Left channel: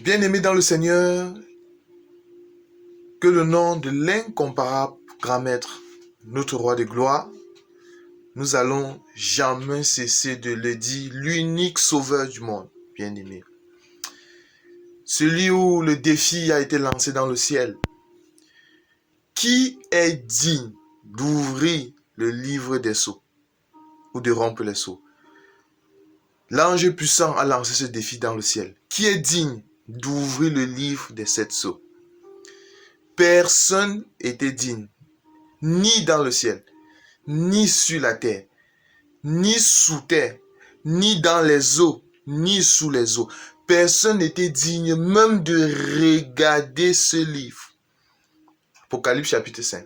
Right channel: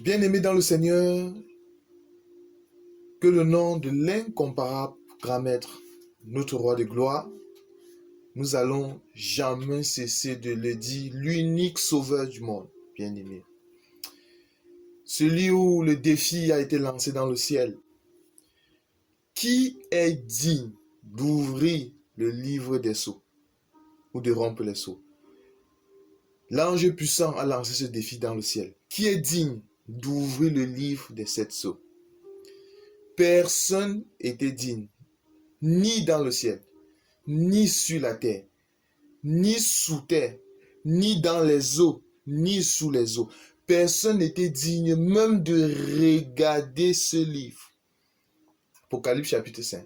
Bien-aimés dans le Seigneur, que le nom de l'incomparable grand maître, notre roi de gloire, nous allons jamais cesser de le dire, l'unique sauveur du monde, bien-aimé. Celui où le défi a été lancé dans le ciel. Qui est digne d'ouvrir le livre des sceaux ou de rompre les sceaux? L'ange puissant a lancé ce défi dans le ciel. Qui est digne d'ouvrir le livre des 7 sceaux? Personne n'était digne, ni dans le ciel, ni sur la terre, ni sous terre, ni dans les eaux, ni sous les eaux. Personne n'était digne même de regarder ce livre. Apocalypse chapitre 5.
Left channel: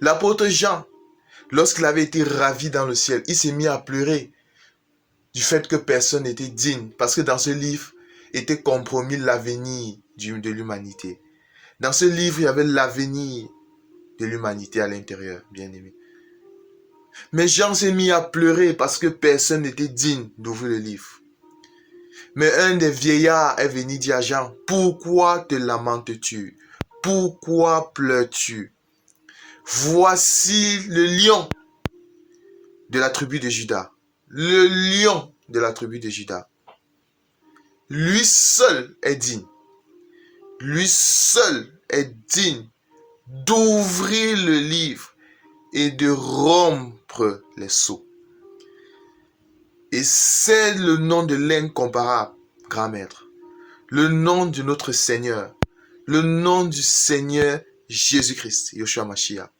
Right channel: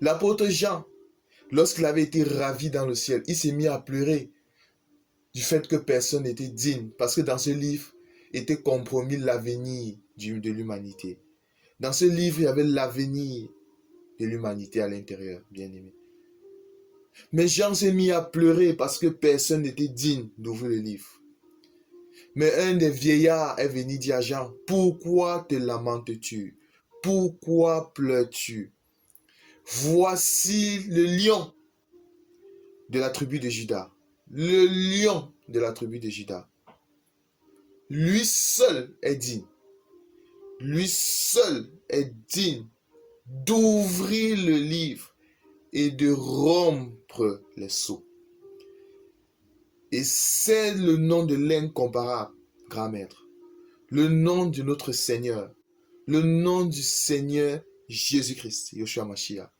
L'apôtre Jean, lorsqu'il avait été ravi dans le ciel, il s'est mis à pleurer du fait que personne n'était digne, parce que dans ce livre était compromis l'avenir de l'humanité. Dans ce livre, il y avait l'avenir de l'humanité à l'intérieur, bien aimé. Mais Jean s'est mis à pleurer parce que personne n'était digne d'ouvrir le livre. Mais un des vieillards est venu dire à Jean, « Pourquoi te lamentes-tu? Pourquoi pleures-tu? Voici le lion de la tribu de Juda. Le lion de la tribu de Juda. Lui seul est digne. Lui seul est digne d'ouvrir le livre et de rompre les sceaux. » Et c'est le nom de l'incomparable grand maître, le nom de notre Seigneur, le nom du Seigneur Jésus-Christ, Yoshua Mashiach,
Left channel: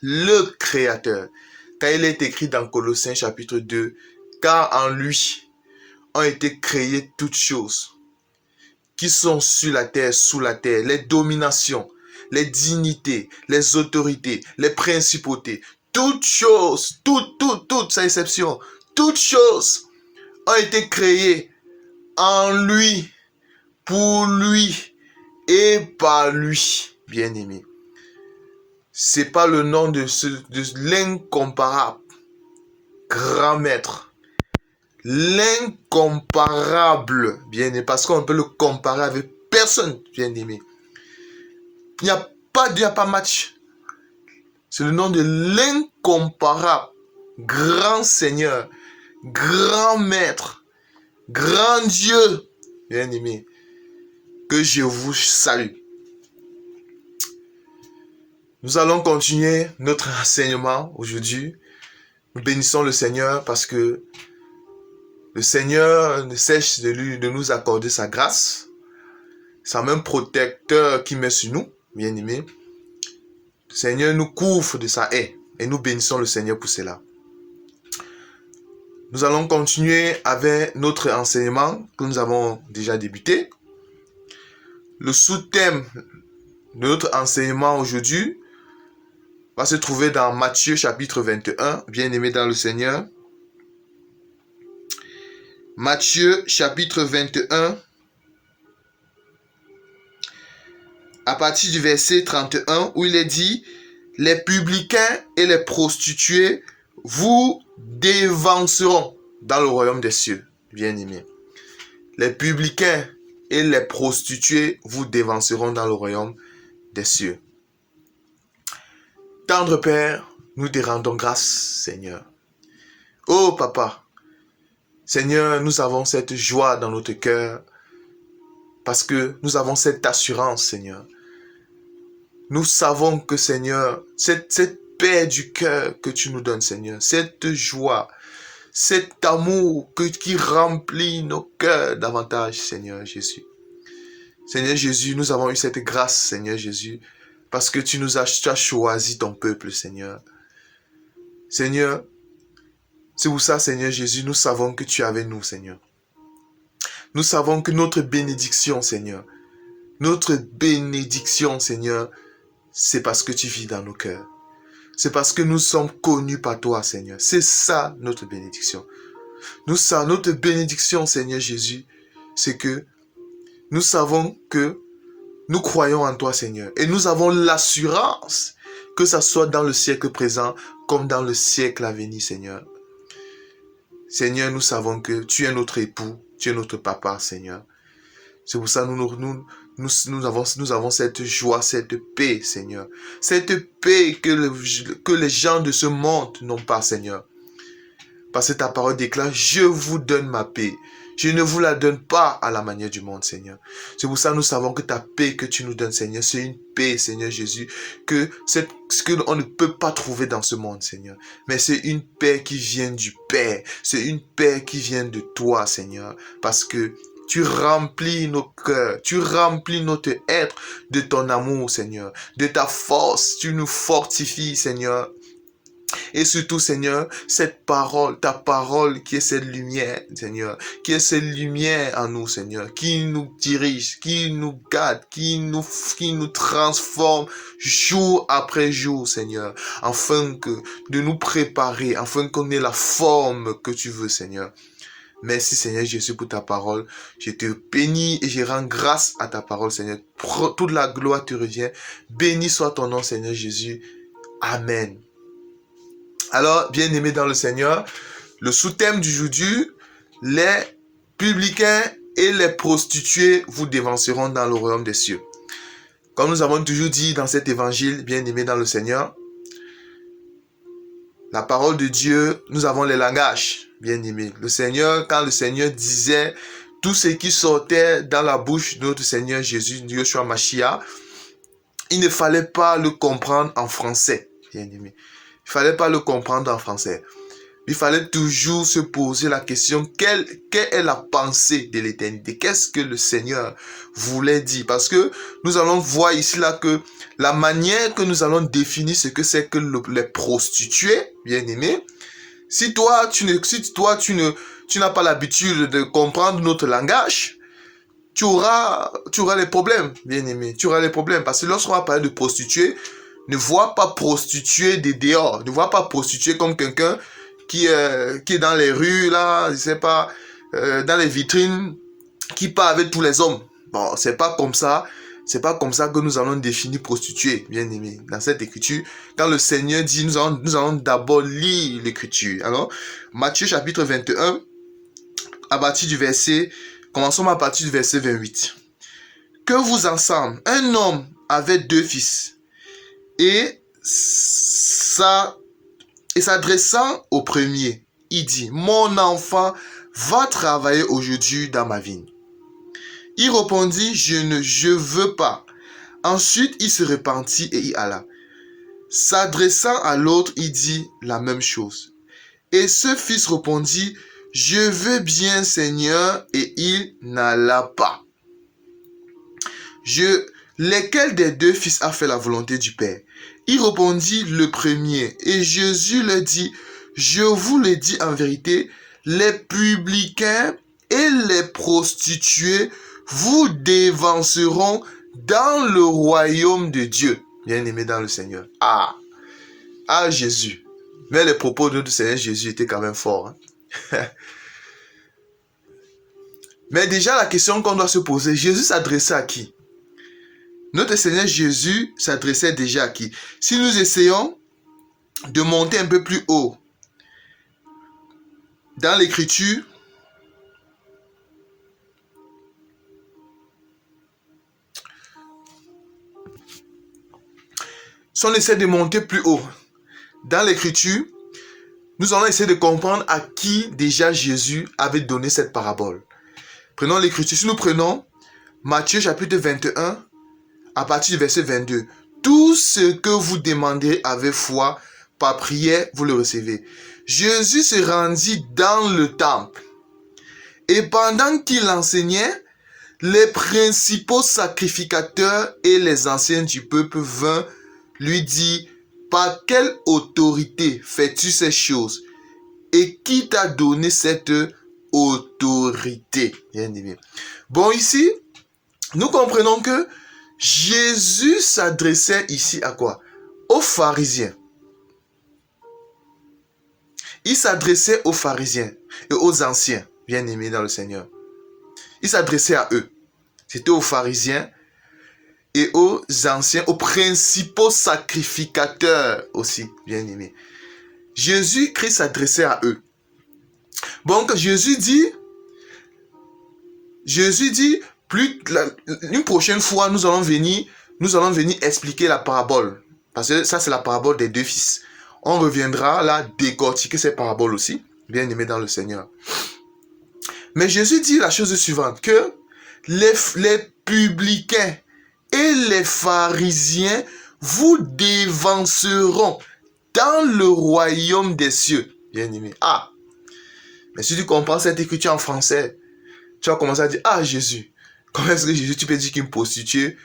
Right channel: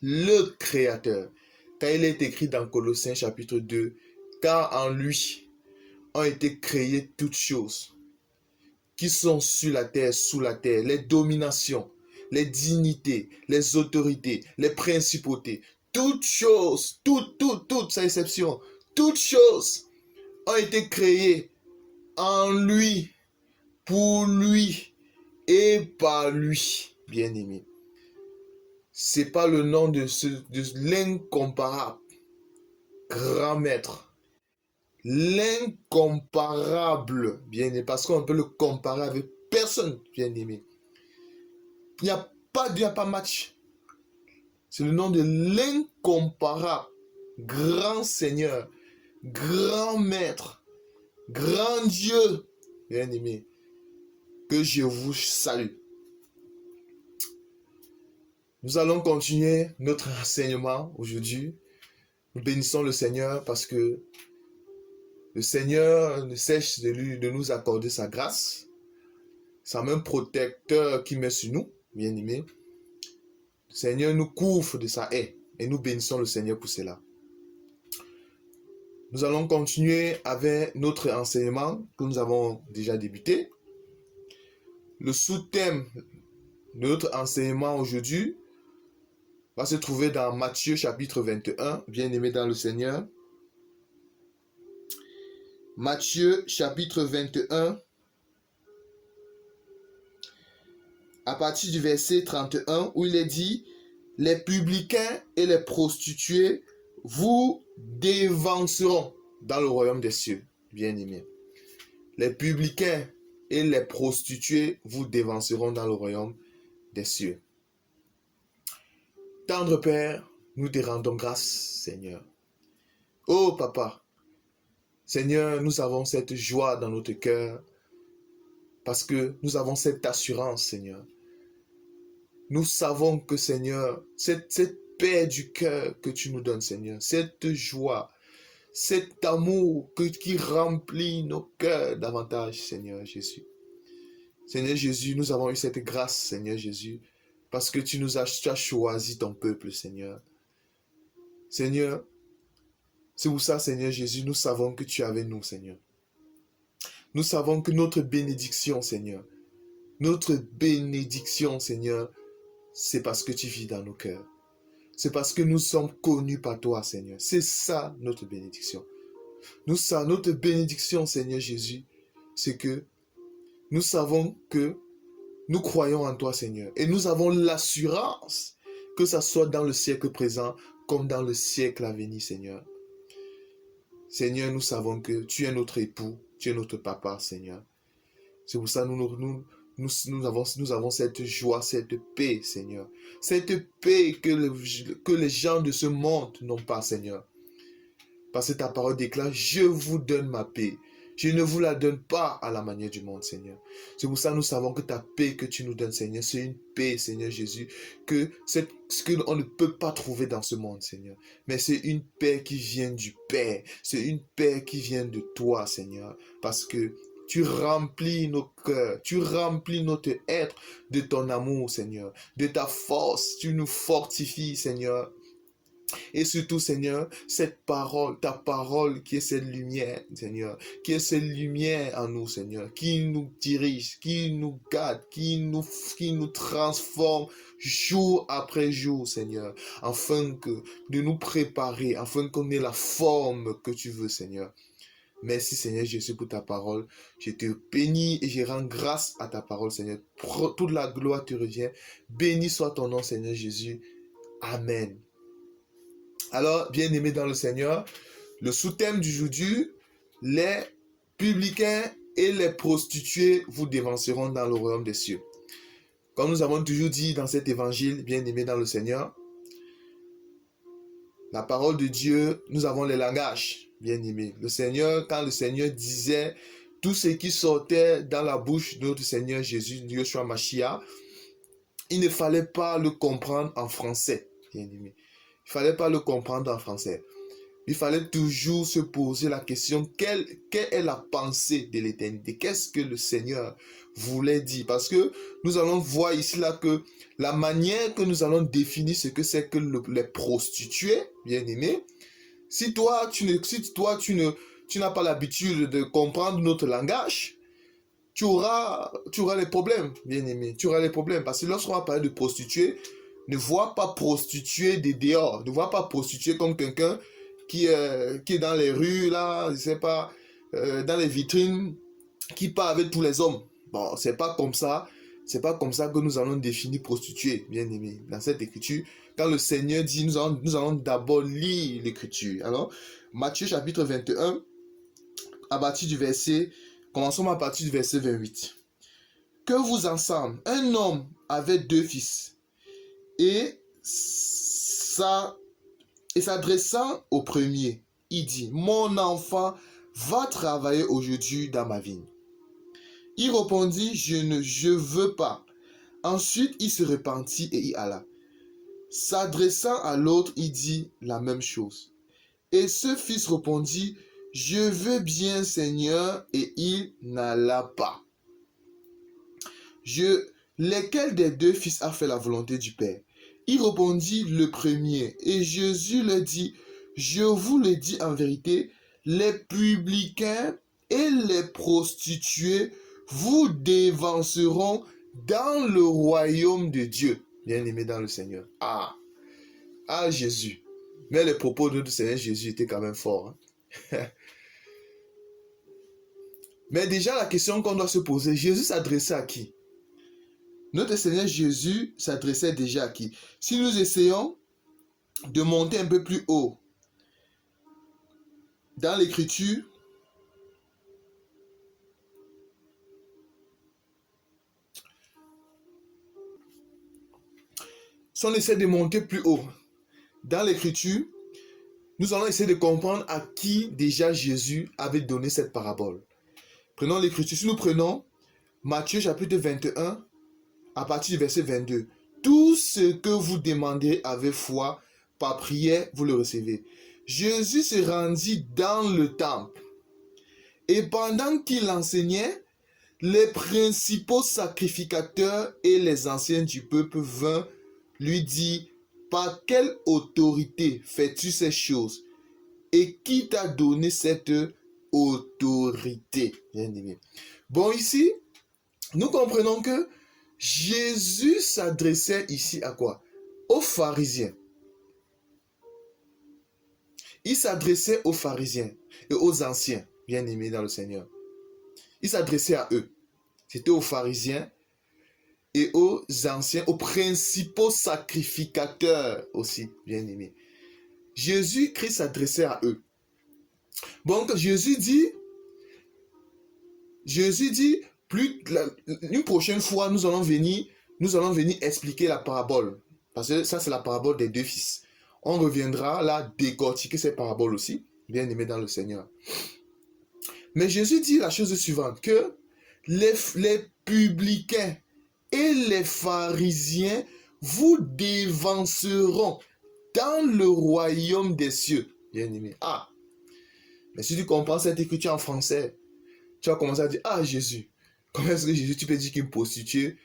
le Créateur. Car il est écrit dans Colossiens chapitre 2, car en lui ont été créées toutes choses qui sont sur la terre, sous la terre, les dominations, les dignités, les autorités, les principautés, toutes choses, toutes, sans exception, toutes choses ont été créées en lui, pour lui et par lui, bien-aimé. C'est pas le nom de l'incomparable grand maître, l'incomparable, bien-aimé, parce qu'on peut le comparer avec personne, bien-aimé. Il n'y a pas match. C'est le nom de l'incomparable grand Seigneur, grand maître, grand Dieu, bien-aimé, que je vous salue. Nous allons continuer notre enseignement aujourd'hui. Nous bénissons le Seigneur parce que le Seigneur ne cesse de nous accorder sa grâce. C'est même protecteur qui met sur nous, bien-aimés. Le Seigneur nous couvre de sa haie et nous bénissons le Seigneur pour cela. Nous allons continuer avec notre enseignement que nous avons déjà débuté. Le sous-thème de notre enseignement aujourd'hui va se trouver dans Matthieu chapitre 21, bien-aimé dans le Seigneur. Matthieu chapitre 21, à partir du verset 31, où il est dit, « Les publicains et les prostituées vous dévanceront dans le royaume des cieux. » Bien-aimé. Les publicains et les prostituées vous dévanceront dans le royaume des cieux. Tendre Père, nous te rendons grâce, Seigneur. Oh Papa, Seigneur, nous avons cette joie dans notre cœur parce que nous avons cette assurance, Seigneur. Nous savons que, Seigneur, cette paix du cœur que tu nous donnes, Seigneur, cette joie, cet amour qui remplit nos cœurs davantage, Seigneur Jésus. Seigneur Jésus, nous avons eu cette grâce, Seigneur Jésus, parce que tu as choisi ton peuple, Seigneur. Seigneur, c'est pour ça, Seigneur Jésus, nous savons que tu es avec nous, Seigneur. Nous savons que notre bénédiction, Seigneur, Seigneur, c'est parce que tu vis dans nos cœurs. C'est parce que nous sommes connus par toi, Seigneur. C'est ça notre bénédiction. Notre bénédiction, Seigneur Jésus, c'est que nous savons que nous croyons en toi, Seigneur. Et nous avons l'assurance que ça soit dans le siècle présent comme dans le siècle à venir, Seigneur. Seigneur, nous savons que tu es notre époux, tu es notre papa, Seigneur. C'est pour ça que nous avons cette joie, cette paix, Seigneur. Cette paix que les gens de ce monde n'ont pas, Seigneur. Parce que ta parole déclare, je vous donne ma paix. Je ne vous la donne pas à la manière du monde, Seigneur. C'est pour ça que nous savons que ta paix que tu nous donnes, Seigneur, c'est une paix, Seigneur Jésus, que on ne peut pas trouver dans ce monde, Seigneur. Mais c'est une paix qui vient du Père. C'est une paix qui vient de toi, Seigneur. Parce que tu remplis nos cœurs, tu remplis notre être de ton amour, Seigneur, de ta force. Tu nous fortifies, Seigneur. Et surtout, Seigneur, cette parole, ta parole qui est cette lumière, Seigneur, qui est cette lumière en nous, Seigneur, qui nous dirige, qui nous garde, qui nous transforme jour après jour, Seigneur, afin de nous préparer, afin qu'on ait la forme que tu veux, Seigneur. Merci, Seigneur Jésus, pour ta parole. Je te bénis et je rends grâce à ta parole, Seigneur. Toute la gloire te revient. Béni soit ton nom, Seigneur Jésus. Amen. Alors, bien-aimés dans le Seigneur, le sous-thème du aujourd'hui, les publicains et les prostituées vous dévanceront dans le royaume des cieux. Comme nous avons toujours dit dans cet évangile, bien-aimés dans le Seigneur, la parole de Dieu, nous avons les langages, bien-aimés. Le Seigneur, quand le Seigneur disait tout ce qui sortait dans la bouche de notre Seigneur Jésus, Yeshua Mashiach, il ne fallait pas le comprendre en français, bien-aimés. Il ne fallait pas le comprendre en français. Il fallait toujours se poser la question, quelle est la pensée de l'éternité? Qu'est-ce que le Seigneur voulait dire? Parce que nous allons voir ici là que la manière que nous allons définir ce que c'est que les prostituées, bien aimés, si toi tu n'as pas l'habitude de comprendre notre langage, tu auras les problèmes, bien aimé. Tu auras les problèmes parce que lorsqu'on va parler de prostituée, ne vois pas prostituée de dehors. Ne vois pas prostituée comme quelqu'un qui est dans les rues, là, je sais pas, dans les vitrines, qui part avec tous les hommes. Bon, c'est pas comme ça. C'est pas comme ça que nous allons définir prostituée, bien aimé. Dans cette écriture, quand le Seigneur dit, nous allons d'abord lire l'écriture. Alors, Matthieu chapitre 21, commençons à partir du verset 28. Que vous ensemble, un homme avait 2 fils. Et s'adressant au premier, il dit, mon enfant va travailler aujourd'hui dans ma vigne. Il répondit, je veux pas. Ensuite, il se repentit et y alla. S'adressant à l'autre, il dit la même chose. Et ce fils répondit, je veux bien, Seigneur, et il n'alla pas. Lequel des 2 fils a fait la volonté du Père? Il répondit le premier. Et Jésus leur dit, je vous le dis en vérité, les publicains et les prostituées vous dévanceront dans le royaume de Dieu. Bien-aimés dans le Seigneur. Ah, Jésus. Mais les propos de notre Seigneur Jésus étaient quand même forts. Hein? Mais déjà, la question qu'on doit se poser, Jésus s'adressait à qui? Notre Seigneur Jésus s'adressait déjà à qui? Si nous essayons de monter un peu plus haut dans l'écriture, si on essaie de monter plus haut dans l'écriture, nous allons essayer de comprendre à qui déjà Jésus avait donné cette parabole. Prenons l'écriture. Si nous prenons Matthieu chapitre 21, à partir du verset 22. Tout ce que vous demandez avec foi, par prière, vous le recevez. Jésus se rendit dans le temple. Et pendant qu'il enseignait, les principaux sacrificateurs et les anciens du peuple vinrent lui dire, par quelle autorité fais-tu ces choses? Et qui t'a donné cette autorité? Bien aimé. Bon, ici, nous comprenons que Jésus s'adressait ici à quoi? Aux pharisiens. Il s'adressait aux pharisiens et aux anciens, bien-aimés dans le Seigneur. Il s'adressait à eux. C'était aux pharisiens et aux anciens, aux principaux sacrificateurs aussi, bien-aimés. Jésus-Christ s'adressait à eux. Donc Jésus dit, Une prochaine fois, nous allons venir expliquer la parabole. Parce que ça, c'est la parabole des deux fils. On reviendra là décortiquer ces paraboles aussi, bien aimés dans le Seigneur. Mais Jésus dit la chose suivante, que les publicains et les pharisiens vous dévanceront dans le royaume des cieux. Bien aimé. Ah, mais si tu comprends cette écriture en français, tu vas commencer à dire, ah Jésus, comment est-ce que Jésus, tu peux dire qu'une prostituée,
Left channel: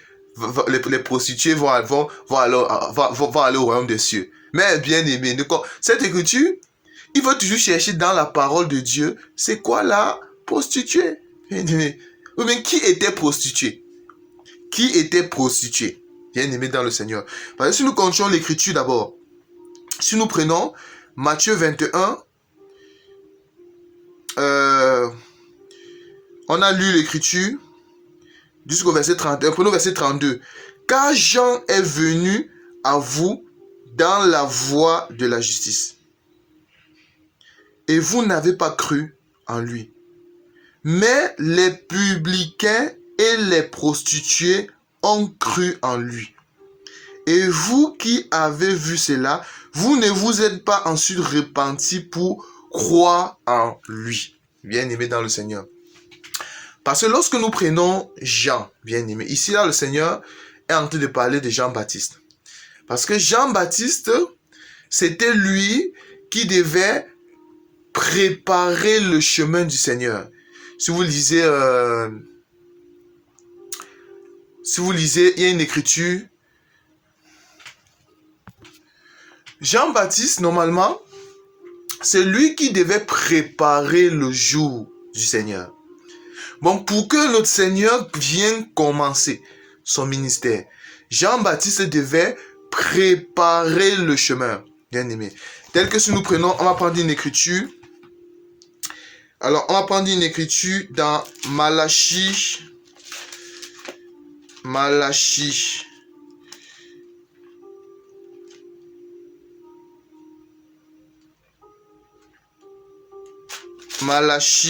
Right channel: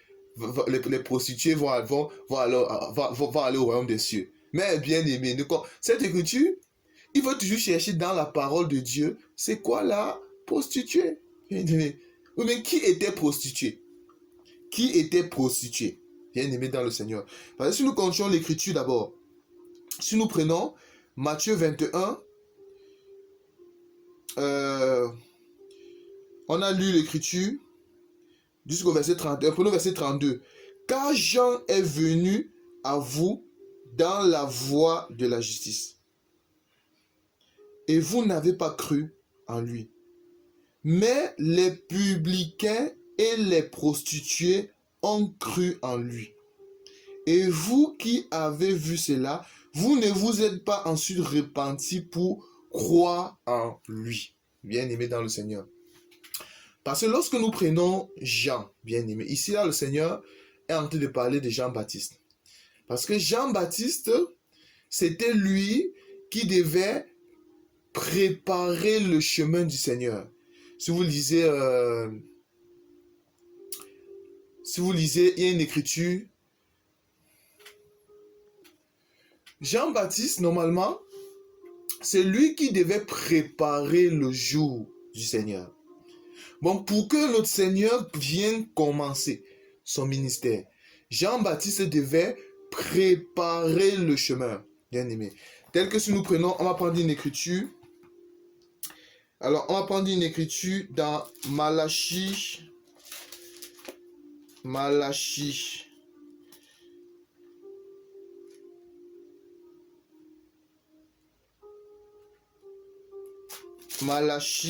les prostituées vont aller au royaume des cieux. Mais bien aimé, cette écriture, il faut toujours chercher dans la parole de Dieu, c'est quoi la prostituée? Bien aimé. Mais qui était prostituée? Qui était prostituée? Bien aimé dans le Seigneur. Parce que si nous continuons l'écriture d'abord, si nous prenons Matthieu 21, on a lu l'écriture jusqu'au verset 31. Prenons verset 32. Car Jean est venu à vous dans la voie de la justice. Et vous n'avez pas cru en lui. Mais les publicains et les prostituées ont cru en lui. Et vous qui avez vu cela, vous ne vous êtes pas ensuite repentis pour croire en lui. Bien aimé dans le Seigneur. Parce que lorsque nous prenons Jean, bien aimé, ici là le Seigneur est en train de parler de Jean-Baptiste. Parce que Jean-Baptiste, c'était lui qui devait préparer le chemin du Seigneur. Si vous lisez, il y a une écriture. Jean-Baptiste, normalement, c'est lui qui devait préparer le jour du Seigneur. Bon, pour que notre Seigneur vienne commencer son ministère, Jean-Baptiste devait préparer le chemin, bien aimé. Tel que si nous prenons, on va prendre une écriture. Alors, on va prendre une écriture dans Malachie. Malachie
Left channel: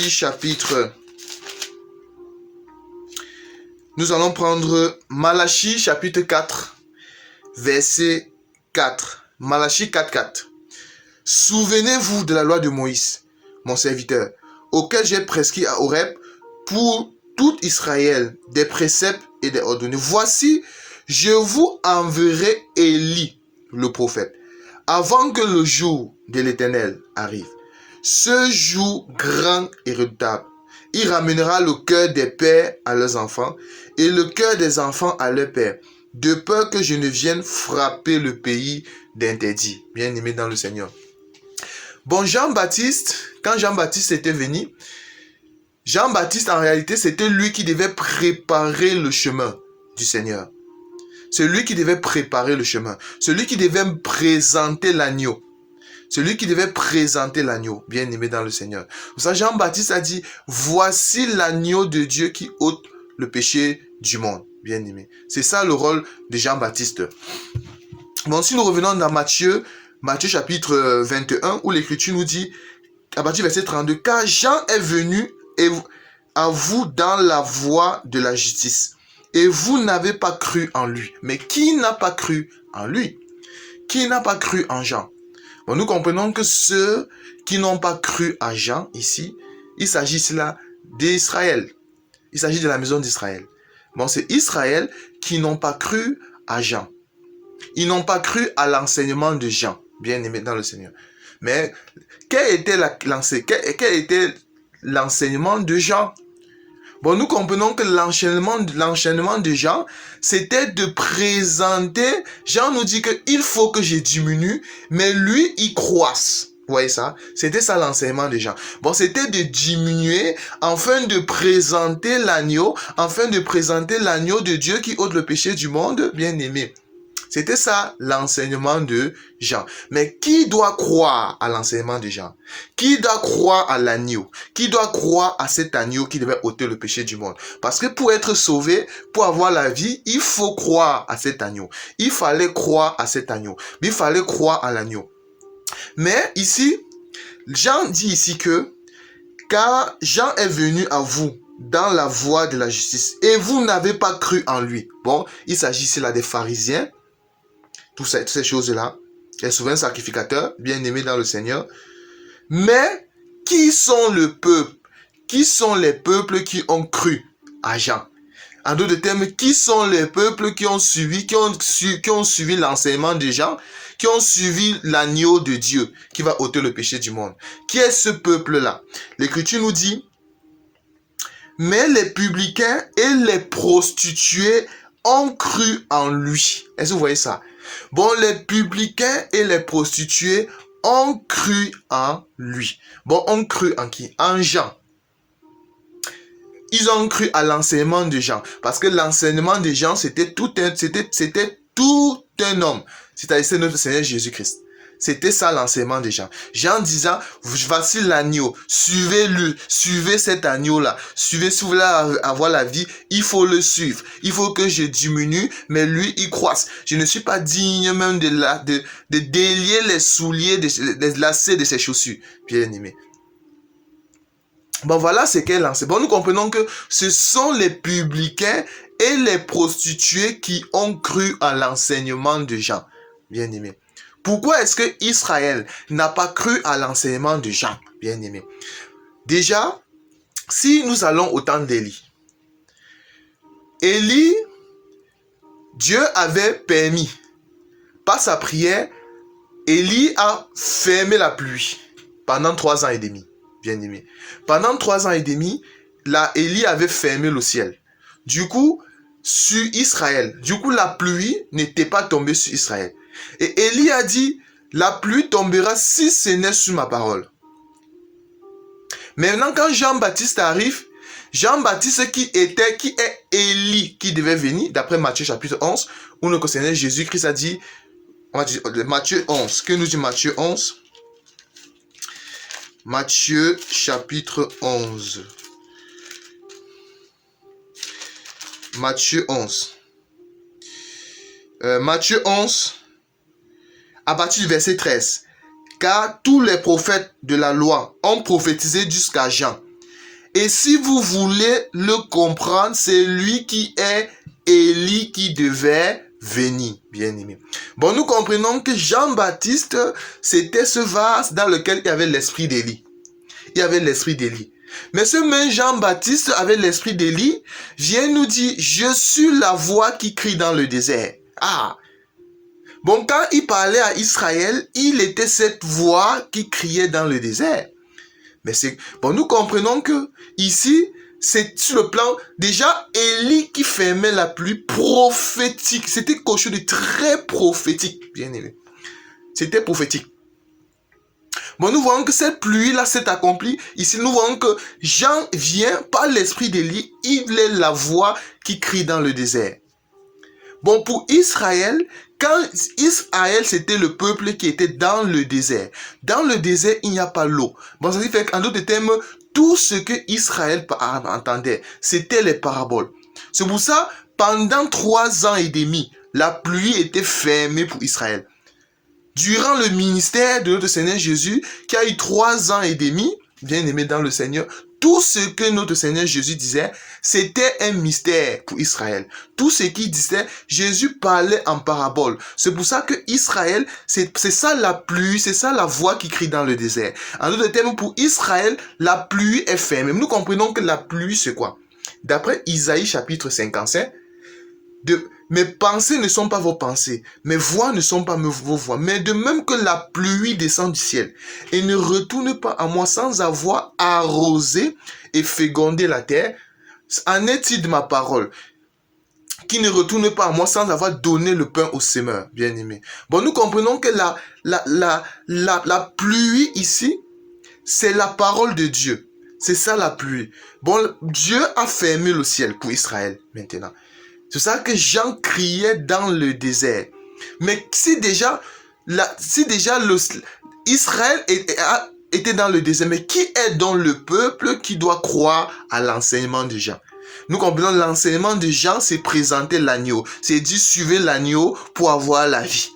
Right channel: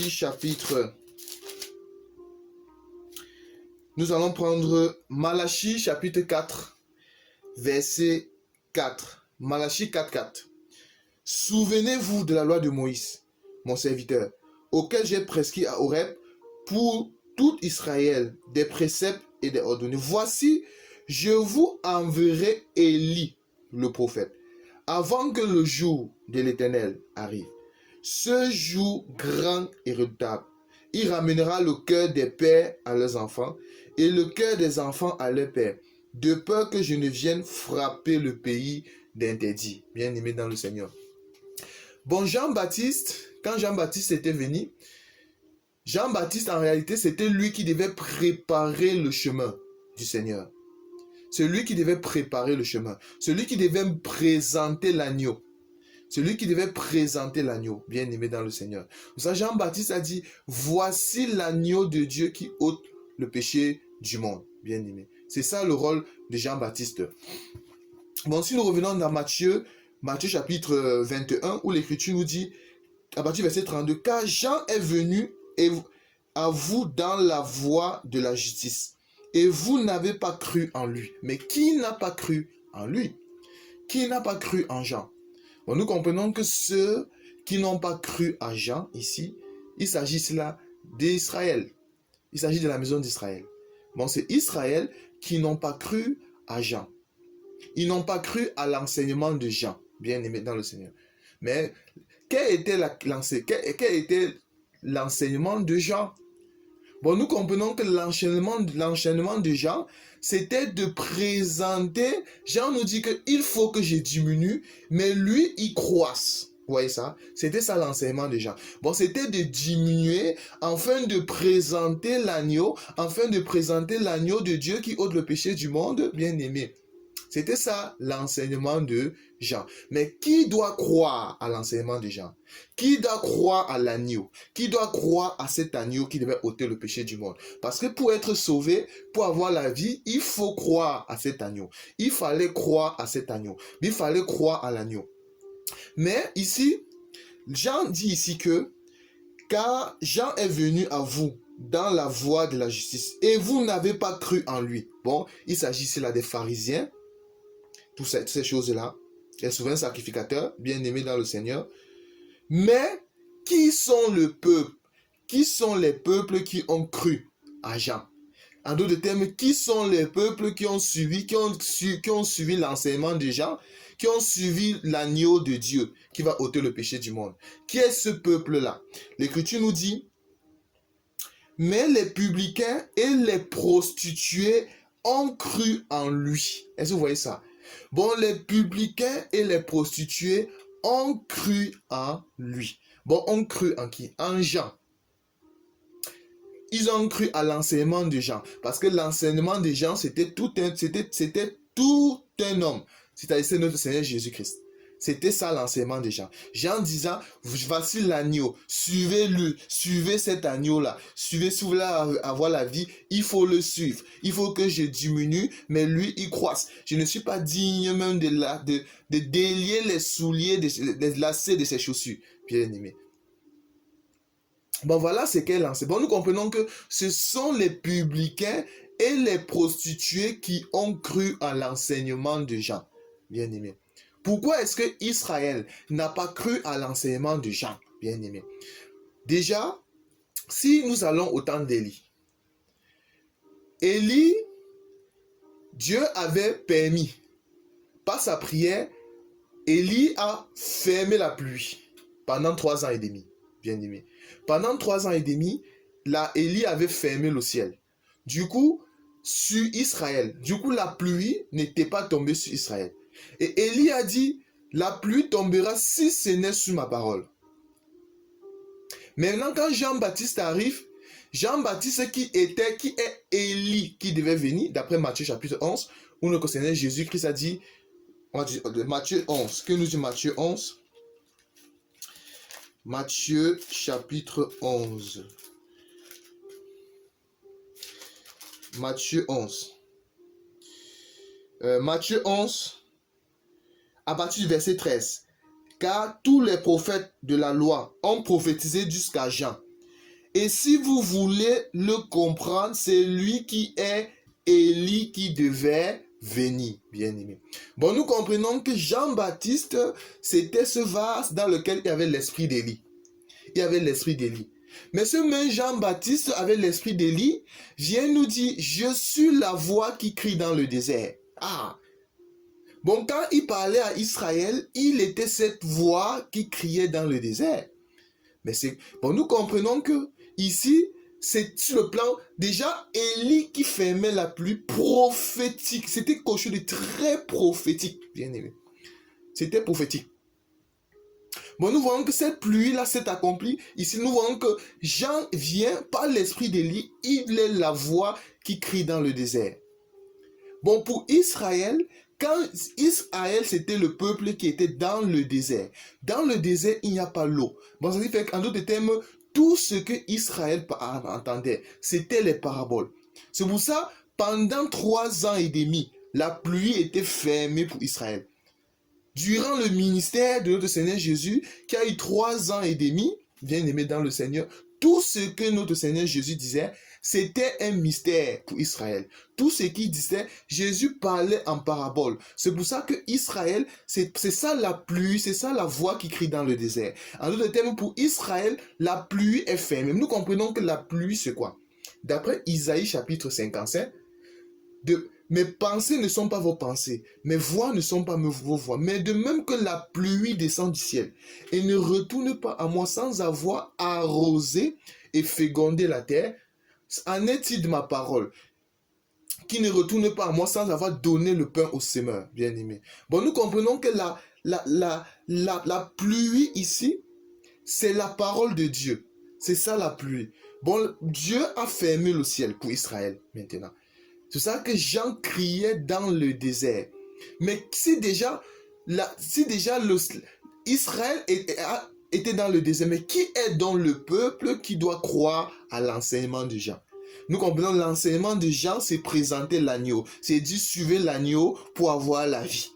chapitre. Nous allons prendre Malachie chapitre 4, verset 4. Malachie 4, 4. Souvenez-vous de la loi de Moïse, mon serviteur, auquel j'ai prescrit à Horeb pour tout Israël des préceptes et des ordonnances. Voici, je vous enverrai Élie, le prophète, avant que le jour de l'Éternel arrive. Ce jour grand et redoutable, il ramènera le cœur des pères à leurs enfants et le cœur des enfants à leurs pères, de peur que je ne vienne frapper le pays d'interdit. Bien aimé dans le Seigneur. Bon, Jean-Baptiste, quand Jean-Baptiste était venu, Jean-Baptiste, en réalité, c'était lui qui devait préparer le chemin du Seigneur. C'est lui qui devait préparer le chemin. Celui qui devait présenter l'agneau. Celui qui devait présenter l'agneau, bien aimé dans le Seigneur. Pour ça, Jean-Baptiste a dit, voici l'agneau de Dieu qui ôte le péché du monde, bien aimé. C'est ça le rôle de Jean-Baptiste. Bon, si nous revenons dans Matthieu chapitre 21, où l'Écriture nous dit, à partir du verset 32, car Jean est venu à vous dans la voie de la justice, et vous n'avez pas cru en lui. Mais qui n'a pas cru en lui? Qui n'a pas cru en Jean? Bon, nous comprenons que ceux qui n'ont pas cru à Jean, ici, il s'agit là d'Israël. Il s'agit de la maison d'Israël. Bon, c'est Israël qui n'ont pas cru à Jean. Ils n'ont pas cru à l'enseignement de Jean, bien aimé dans le Seigneur. Mais quel était l'enseignement de Jean? Bon, nous comprenons que l'enchaînement de Jean, c'était de présenter. Jean nous dit qu'il faut que je diminue, mais lui, il croisse. Vous voyez ça? C'était ça l'enseignement de Jean. Bon, c'était de diminuer afin de présenter l'agneau, de Dieu qui ôte le péché du monde, bien aimé. C'était ça l'enseignement de Jean. Mais qui doit croire à l'enseignement de Jean? Qui doit croire à l'agneau? Qui doit croire à cet agneau qui devait ôter le péché du monde? Parce que pour être sauvé, pour avoir la vie, il faut croire à cet agneau. Il fallait croire à cet agneau. Il fallait croire à l'agneau. Mais ici, Jean dit ici que car Jean est venu à vous dans la voie de la justice et vous n'avez pas cru en lui. Bon, il s'agit ici là des pharisiens, toutes ces choses-là, les souverains sacrificateurs, bien-aimés dans le Seigneur. Mais qui sont le peuple? Qui sont les peuples qui ont cru à Jean? En d'autres termes, qui sont les peuples qui ont suivi l'enseignement de Jean, qui ont suivi l'agneau de Dieu qui va ôter le péché du monde? Qui est ce peuple-là? L'Écriture nous dit, mais les publicains et les prostituées ont cru en lui. Est-ce que vous voyez ça? Bon, les publicains et les prostituées ont cru en lui. Bon, ont cru en qui? En Jean. Ils ont cru à l'enseignement de Jean. Parce que l'enseignement de Jean, c'était tout un homme. C'est-à-dire notre Seigneur Jésus-Christ. C'était ça l'enseignement de Jean. Jean disant, voici l'agneau, suivez-le, suivez cet agneau-là. Suivez, si vous voulez avoir la vie, il faut le suivre. Il faut que je diminue, mais lui, il croisse. Je ne suis pas digne même de délier les souliers, des lacets de ses chaussures. Bien aimé. Bon, voilà ce qu'elle lance. Bon, nous comprenons que ce sont les publicains et les prostituées qui ont cru à l'enseignement de Jean. Bien aimé. Pourquoi est-ce que Israël n'a pas cru à l'enseignement de Jean? Bien aimé. Déjà, si nous allons au temps d'Élie, Élie, Dieu avait permis, par sa prière, Élie a fermé la pluie pendant 3 ans et demi. Bien aimé. Pendant 3 ans et demi, Élie avait fermé le ciel. Du coup, sur Israël, la pluie n'était pas tombée sur Israël. Et Élie a dit, la pluie tombera si ce n'est sur ma parole. Maintenant, quand Jean-Baptiste arrive, Jean-Baptiste qui est Élie qui devait venir, d'après Matthieu chapitre 11, où le Seigneur Jésus-Christ a dit, Matthieu 11, que nous dit Matthieu 11? Matthieu chapitre 11. Matthieu 11. Matthieu 11, à partir du verset 13. Car tous les prophètes de la loi ont prophétisé jusqu'à Jean. Et si vous voulez le comprendre, c'est lui qui est Élie qui devait venir, bien aimé. Bon, nous comprenons que Jean-Baptiste, c'était ce vase dans lequel il y avait l'esprit d'Élie. Il y avait l'esprit d'Élie. Mais ce même Jean-Baptiste avec l'esprit d'Élie vient nous dire, je suis la voix qui crie dans le désert. Ah! Bon, quand il parlait à Israël, il était cette voix qui criait dans le désert. Mais nous comprenons que ici, c'est sur le plan, déjà, Élie qui fermait la pluie prophétique. C'était quelque chose de très prophétique, bien aimé. C'était prophétique. Bon, nous voyons que cette pluie-là s'est accomplie. Ici, nous voyons que Jean vient par l'esprit d'Élie. Il est la voix qui crie dans le désert. Bon, pour Israël, quand Israël, c'était le peuple qui était dans le désert. Dans le désert, il n'y a pas l'eau. Bon, ça fait qu'en d'autres termes, tout ce que Israël entendait, c'était les paraboles. C'est pour ça, pendant 3 ans et demi, la pluie était fermée pour Israël. Durant le ministère de notre Seigneur Jésus, qui a eu 3 ans et demi, bien aimé dans le Seigneur, tout ce que notre Seigneur Jésus disait, c'était un mystère pour Israël. Tout ce qu'il disait, Jésus parlait en parabole. C'est pour ça que Israël, c'est ça la pluie, c'est ça la voix qui crie dans le désert. En d'autres termes, pour Israël, la pluie est fermée. Nous comprenons que la pluie, c'est quoi? D'après Isaïe chapitre 55, mes pensées ne sont pas vos pensées, mes voix ne sont pas vos voix. Mais de même que la pluie descend du ciel et ne retourne pas à moi sans avoir arrosé et fécondé la terre, en est-il de ma parole qui ne retourne pas à moi sans avoir donné le pain au semeur, bien aimé. Bon, nous comprenons que la pluie ici, c'est la parole de Dieu. C'est ça la pluie. Bon, Dieu a fermé le ciel pour Israël maintenant. C'est ça que Jean criait dans le désert. Mais si déjà Israël était dans le désert, mais qui est donc le peuple qui doit croire à l'enseignement de Jean? Nous comprenons l'enseignement de Jean, c'est présenter l'agneau. C'est dire suivez l'agneau pour avoir la vie.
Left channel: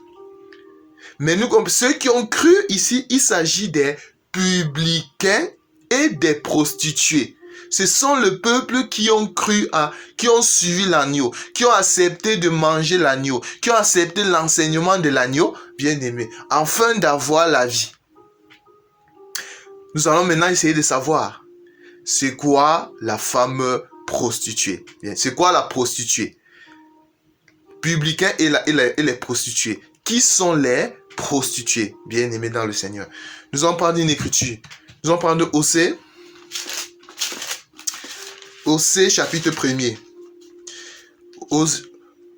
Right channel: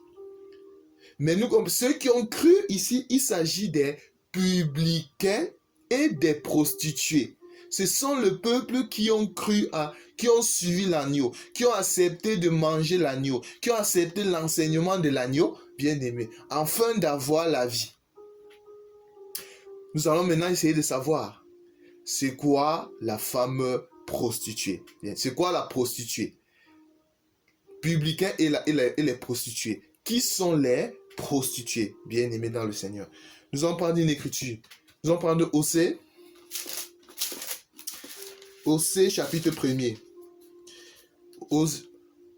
Mais ceux qui ont cru ici, il s'agit des publicains et des prostituées. Ce sont le peuple qui ont cru qui ont suivi l'agneau, qui ont accepté de manger l'agneau, qui ont accepté l'enseignement de l'agneau, bien-aimé, afin d'avoir la vie. Nous allons maintenant essayer de savoir, c'est quoi la femme prostituée? C'est quoi la prostituée? Publicain et les prostituées. Qui sont les prostituées, bien-aimés dans le Seigneur? Nous allons prendre une écriture. Nous allons prendre Osée. Osée chapitre 1er.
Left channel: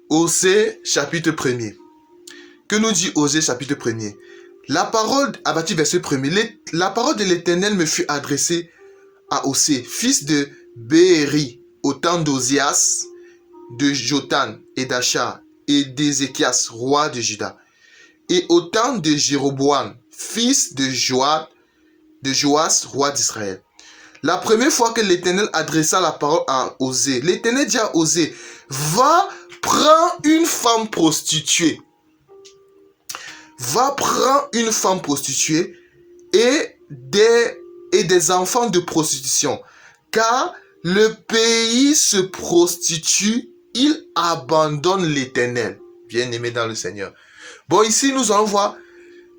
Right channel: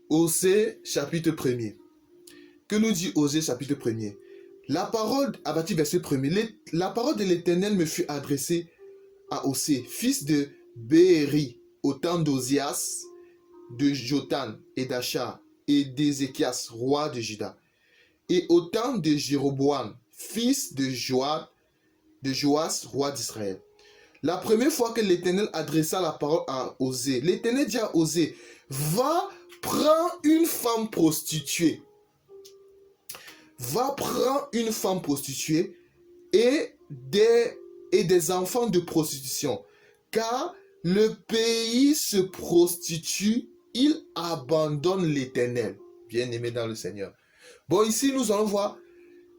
Osée chapitre 1er. Que nous dit Osée chapitre 1er? La parole, à partir du verset 1er, la parole de l'Éternel me fut adressée à Osée, fils de Béhéri, au temps d'Osias, de Jotham et d'Achar et d'Ézéchias, roi de Juda, et au temps de Jéroboam, fils de Joas, roi d'Israël. La première fois que l'Éternel adressa la parole à Osée, l'Éternel dit à Osée, va prendre une femme prostituée. Va prendre une femme prostituée et des enfants de prostitution, car le pays se prostitue, il abandonne l'Éternel. Bien-aimé dans le Seigneur. Bon, ici nous allons voir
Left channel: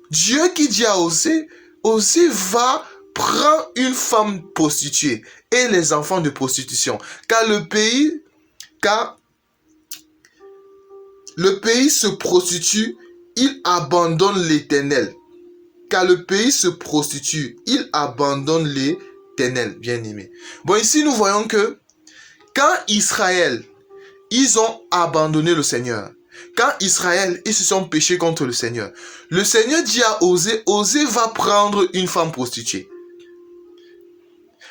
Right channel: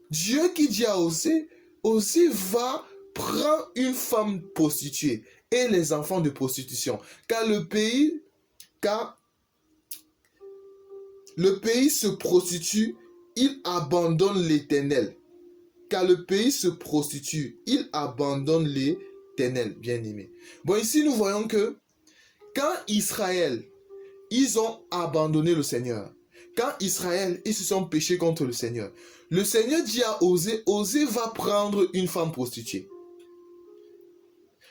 Dieu qui dit à Osée, Osée va prendre une femme prostituée et les enfants de prostitution, car le pays se prostitue, il abandonne l'Éternel. Car le pays se prostitue, il abandonne l'Éternel, bien-aimé. Bon, ici nous voyons que quand Israël, ils ont abandonné le Seigneur. Quand Israël, ils se sont péchés contre le Seigneur dit à Osée, Osée va prendre une femme prostituée.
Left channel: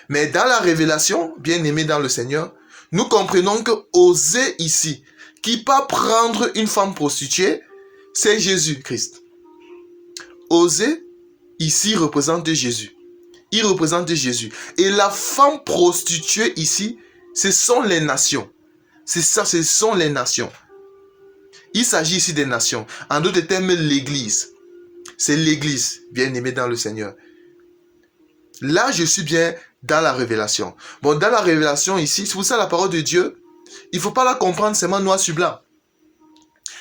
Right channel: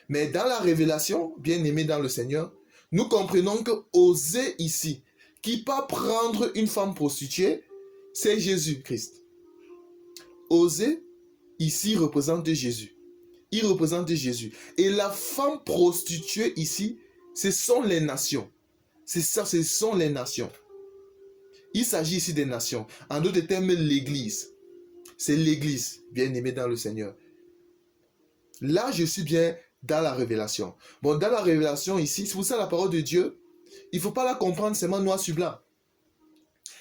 Mais dans la révélation, bien-aimé dans le Seigneur, nous comprenons que Osée ici, qui va prendre une femme prostituée, c'est Jésus-Christ. Osée, ici, représente Jésus. Il représente Jésus. Et la femme prostituée ici, ce sont les nations. C'est ça, ce sont les nations. Il s'agit ici des nations. En d'autres termes, l'Église. C'est l'Église, bien-aimée dans le Seigneur. Là, je suis bien dans la révélation. Bon, dans la révélation ici, c'est pour ça la parole de Dieu, il ne faut pas la comprendre seulement noir sur blanc.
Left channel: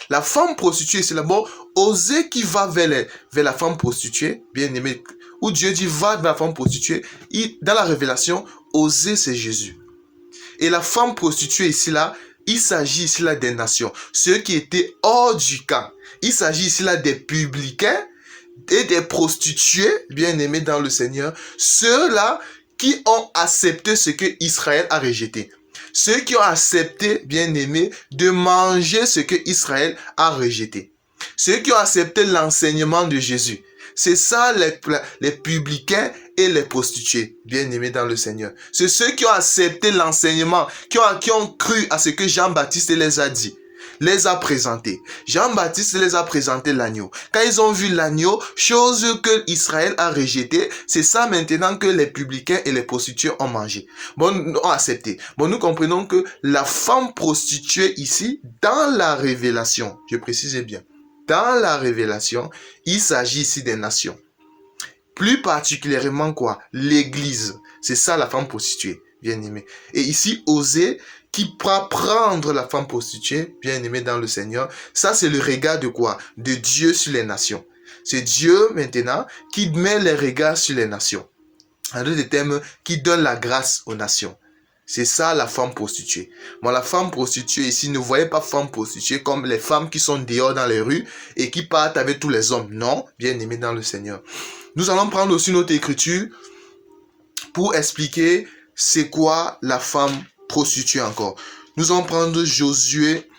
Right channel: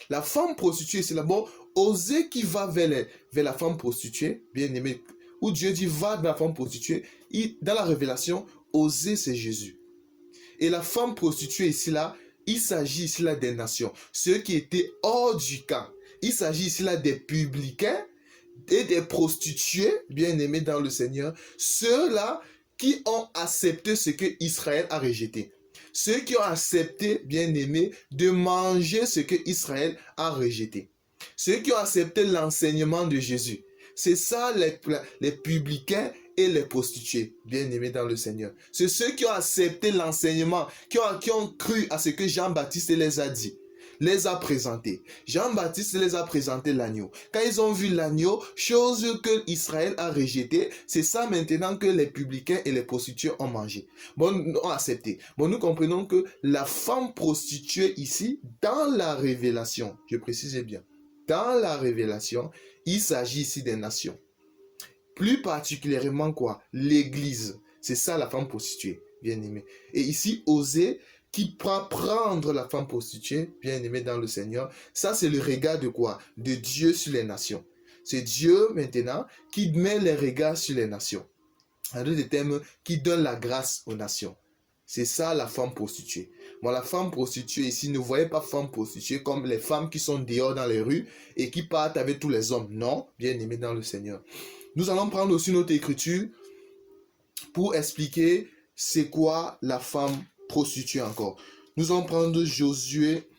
La femme prostituée, c'est d'abord Osée qui va vers la femme prostituée, bien-aimée, où Dieu dit va vers la femme prostituée. Dans la révélation, Osée, c'est Jésus. Et la femme prostituée ici, là, il s'agit ici là des nations, ceux qui étaient hors du camp. Il s'agit ici là des publicains et des prostituées, bien-aimés dans le Seigneur, ceux-là qui ont accepté ce que Israël a rejeté. Ceux qui ont accepté, bien-aimés, de manger ce que Israël a rejeté. Ceux qui ont accepté l'enseignement de Jésus. C'est ça les publicains et les prostituées, bien-aimés dans le Seigneur. C'est ceux qui ont accepté l'enseignement, qui ont cru à ce que Jean-Baptiste les a dit, les a présentés. Jean-Baptiste les a présenté l'agneau. Quand ils ont vu l'agneau, chose que Israël a rejetée, c'est ça maintenant que les publicains et les prostituées ont mangé. Bon, ont accepté. Bon, nous comprenons que la femme prostituée ici, dans la révélation, je précise bien, dans la révélation, il s'agit ici des nations. Plus particulièrement quoi? L'Église. C'est ça la femme prostituée, bien aimée. Et ici, Osée, qui va prendre la femme prostituée, bien aimée dans le Seigneur, ça c'est le regard de quoi? De Dieu sur les nations. C'est Dieu maintenant qui met les regards sur les nations. En d'autres termes, qui donne la grâce aux nations. C'est ça la femme prostituée. Bon, la femme prostituée ici, ne voyez pas femme prostituée comme les femmes qui sont dehors dans les rues et qui partent avec tous les hommes. Non, bien aimés dans le Seigneur. Nous allons prendre aussi notre écriture pour expliquer c'est quoi la femme prostituée encore. Nous allons prendre Josué.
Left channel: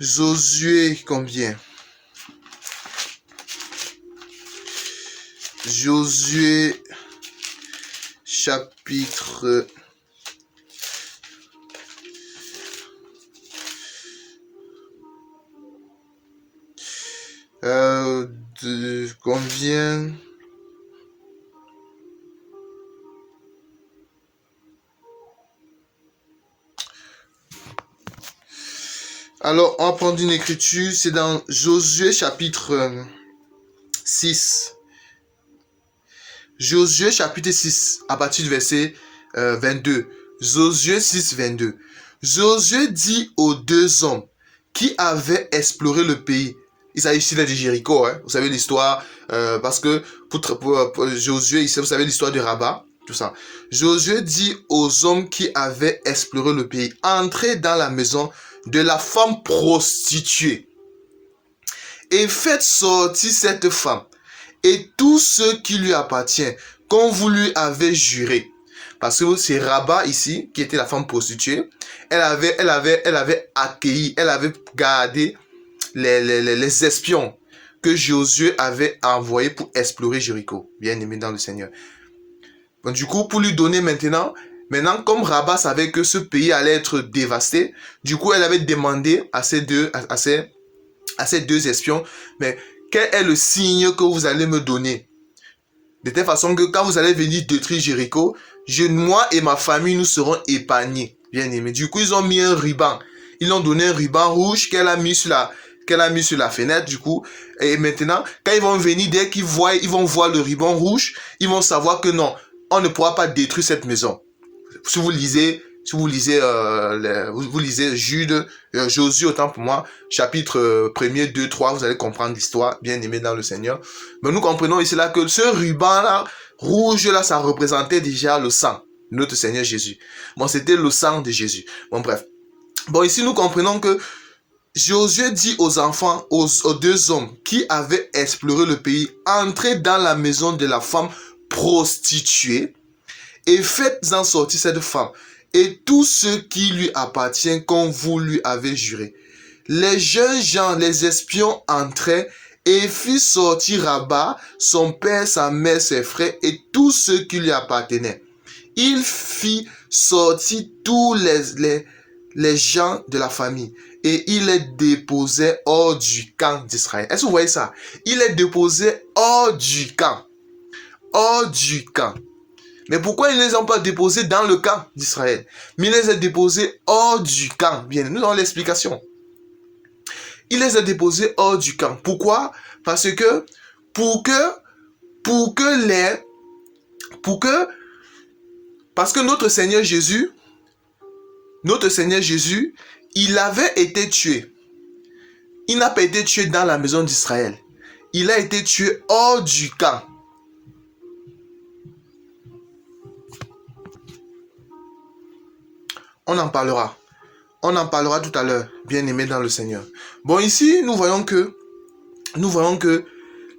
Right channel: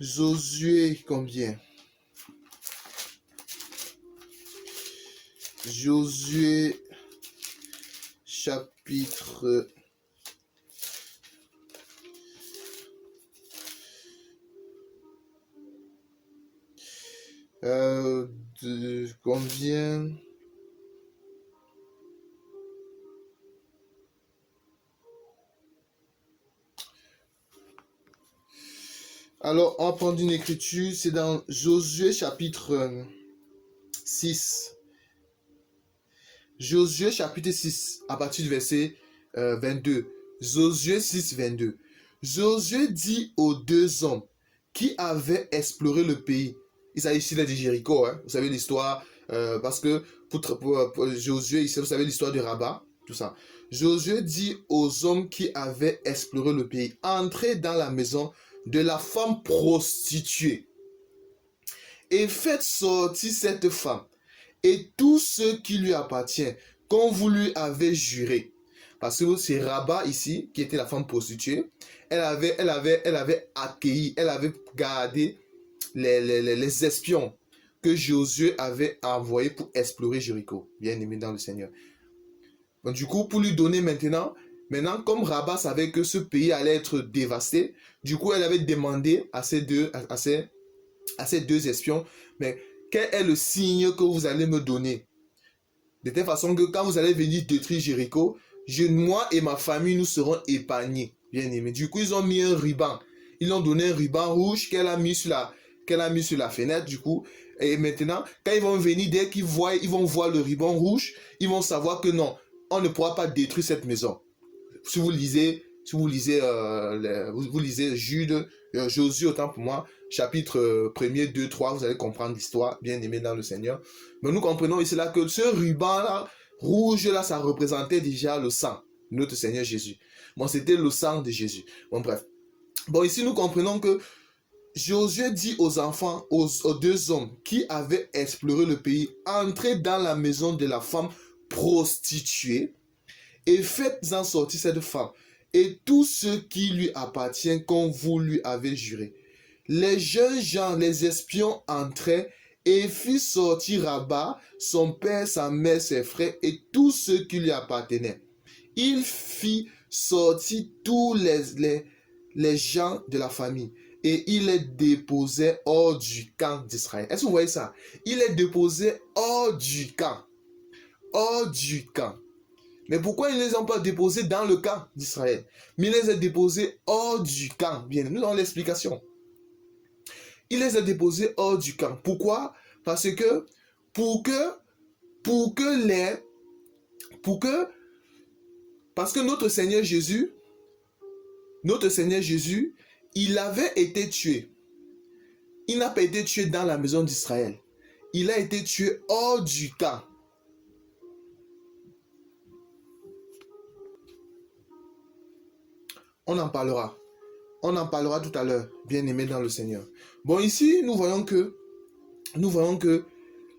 Josué combien? Josué chapitre de combien? Alors, on va prendre une écriture, c'est dans Josué chapitre 6. Josué chapitre 6, à partir du verset 22. Josué 6, 22. Josué dit aux deux hommes qui avaient exploré le pays. Il s'agit ici de Jéricho, hein. Vous savez l'histoire, parce que pour Josué, ici, vous savez l'histoire de Rabat, tout ça. Josué dit aux hommes qui avaient exploré le pays, entrez dans la maison de la femme prostituée et faites sortir cette femme et tout ce qui lui appartient, comme vous lui avez juré. Parce que c'est Rabat ici, qui était la femme prostituée. Elle avait accueilli, elle avait gardé les espions que Josué avait envoyés pour explorer Jéricho. Bien aimé dans le Seigneur. Donc, du coup, pour lui donner maintenant, comme Rabat savait que ce pays allait être dévasté, du coup, elle avait demandé à ces deux espions, mais quel est le signe que vous allez me donner? De telle façon que quand vous allez venir détruire Jéricho, moi et ma famille, nous serons épargnés. Bien aimé. Du coup, ils ont mis un ruban. Ils ont donné un ruban rouge qu'elle a mis sur la fenêtre, du coup. Et maintenant, quand ils vont venir, dès qu'ils vont voir le ruban rouge, ils vont savoir que non, on ne pourra pas détruire cette maison. Si vous lisez Jude, Josué, autant pour moi, chapitre 1er, 2, 3, vous allez comprendre l'histoire, bien aimé dans le Seigneur. Mais nous comprenons ici là que ce ruban-là, rouge là, ça représentait déjà le sang de notre Seigneur Jésus. Bon, c'était le sang de Jésus. Bon, bref. Bon, ici, nous comprenons que Josué dit aux enfants, aux deux hommes qui avaient exploré le pays, entrez dans la maison de la femme prostituée et faites-en sortir cette femme et tout ce qui lui appartient comme vous lui avez juré. Les jeunes gens, les espions entraient et firent sortir Rabat, son père, sa mère, ses frères et tout ce qui lui appartenait. Il fit sortir tous les gens de la famille et il les déposait hors du camp d'Israël. Est-ce que vous voyez ça? Il les déposait hors du camp. Hors du camp. Mais pourquoi ils ne les ont pas déposés dans le camp d'Israël? Mais il les a déposés hors du camp. Bien, nous avons l'explication. Il les a déposés hors du camp. Pourquoi? Parce que parce que notre Seigneur Jésus, il avait été tué. Il n'a pas été tué dans la maison d'Israël. Il a été tué hors du camp. On en parlera. On en parlera tout à l'heure, bien aimé dans le Seigneur. Bon, ici, nous voyons que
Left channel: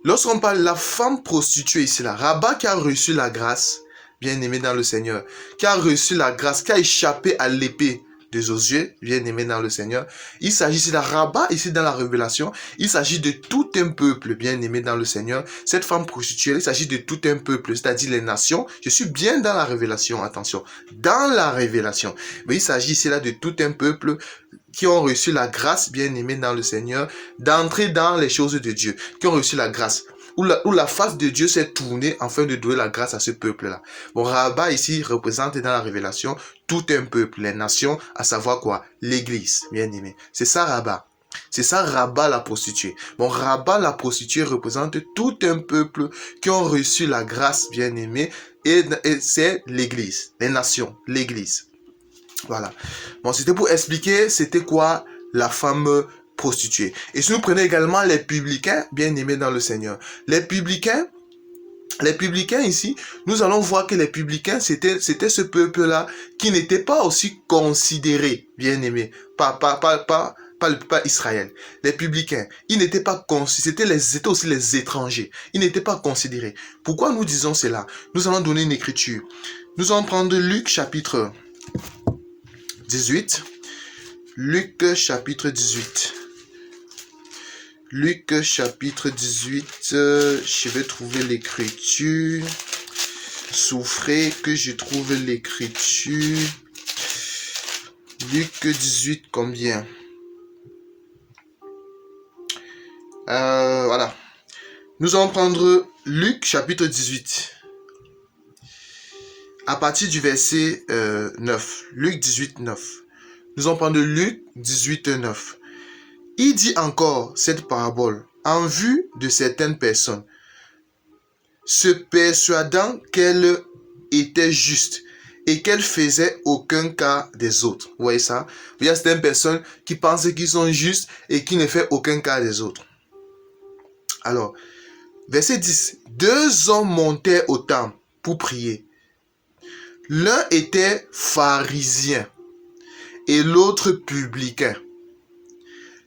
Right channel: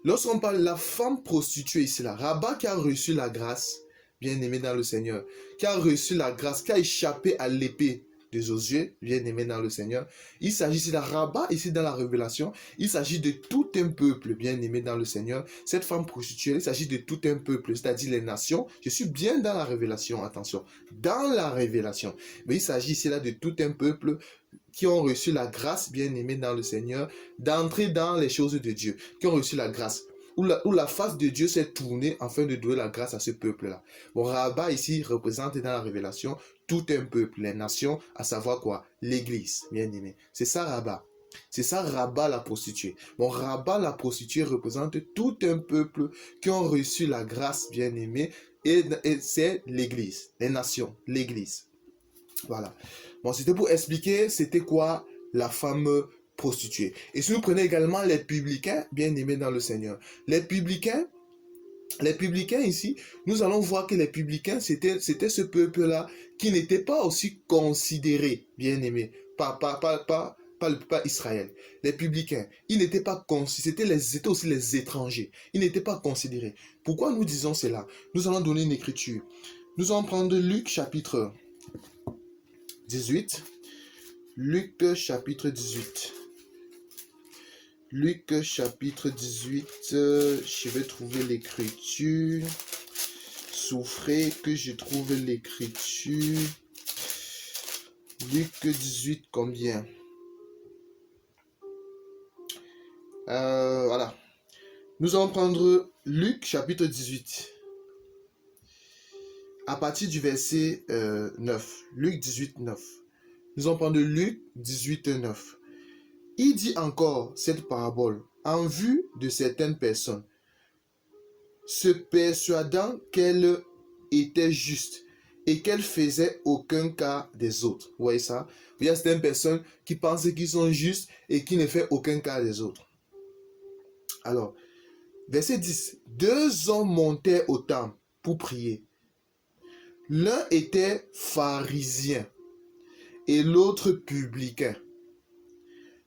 lorsqu'on parle de la femme prostituée ici, là, Rabat qui a reçu la grâce, bien aimé dans le Seigneur, qui a reçu la grâce, qui a échappé à l'épée de Josué, bien aimé dans le Seigneur. Il s'agit ici de Rabat, ici dans la Révélation, il s'agit de tout un peuple, bien aimé dans le Seigneur. Cette femme prostituée, il s'agit de tout un peuple, c'est-à-dire les nations. Je suis bien dans la Révélation, attention, dans la Révélation. Mais il s'agit ici là de tout un peuple qui ont reçu la grâce, bien aimé dans le Seigneur, d'entrer dans les choses de Dieu, qui ont reçu la grâce. Où la face de Dieu s'est tournée afin de donner la grâce à ce peuple-là. Bon, Rabat ici représente dans la Révélation tout un peuple, les nations, à savoir quoi? L'Église, bien aimé. C'est ça Rabat. C'est ça Rabat la prostituée. Bon, Rabat la prostituée représente tout un peuple qui ont reçu la grâce, bien aimé, et c'est l'Église, les nations, l'Église. Voilà. Bon, c'était pour expliquer c'était quoi la femme prostituée. Et si nous prenons également les publicains, bien aimés dans le Seigneur. Les publicains ici, nous allons voir que les publicains, c'était ce peuple-là qui n'était pas aussi considéré, bien aimé, pas Israël. Les publicains, ils n'étaient pas considérés, c'était aussi les étrangers. Ils n'étaient pas considérés. Pourquoi nous disons cela? Nous allons donner une écriture. Nous allons prendre Luc chapitre 18. Luc chapitre 18. Luc chapitre 18, je vais trouver l'écriture. Souffrez que je trouve l'écriture. Luc 18, combien? Voilà. Nous allons prendre Luc chapitre 18. À partir du verset 9. Luc 18, 9. Nous allons prendre Luc 18, 9. Il dit encore cette parabole en vue de certaines personnes. se persuadant qu'elle était juste et qu'elle faisait aucun cas des autres. Vous voyez ça? Il y a certaines personnes qui pensent qu'ils sont justes et qui ne font aucun cas des autres. Alors, verset 10. 2 hommes montèrent au temple pour prier. L'un était pharisien et l'autre publicain.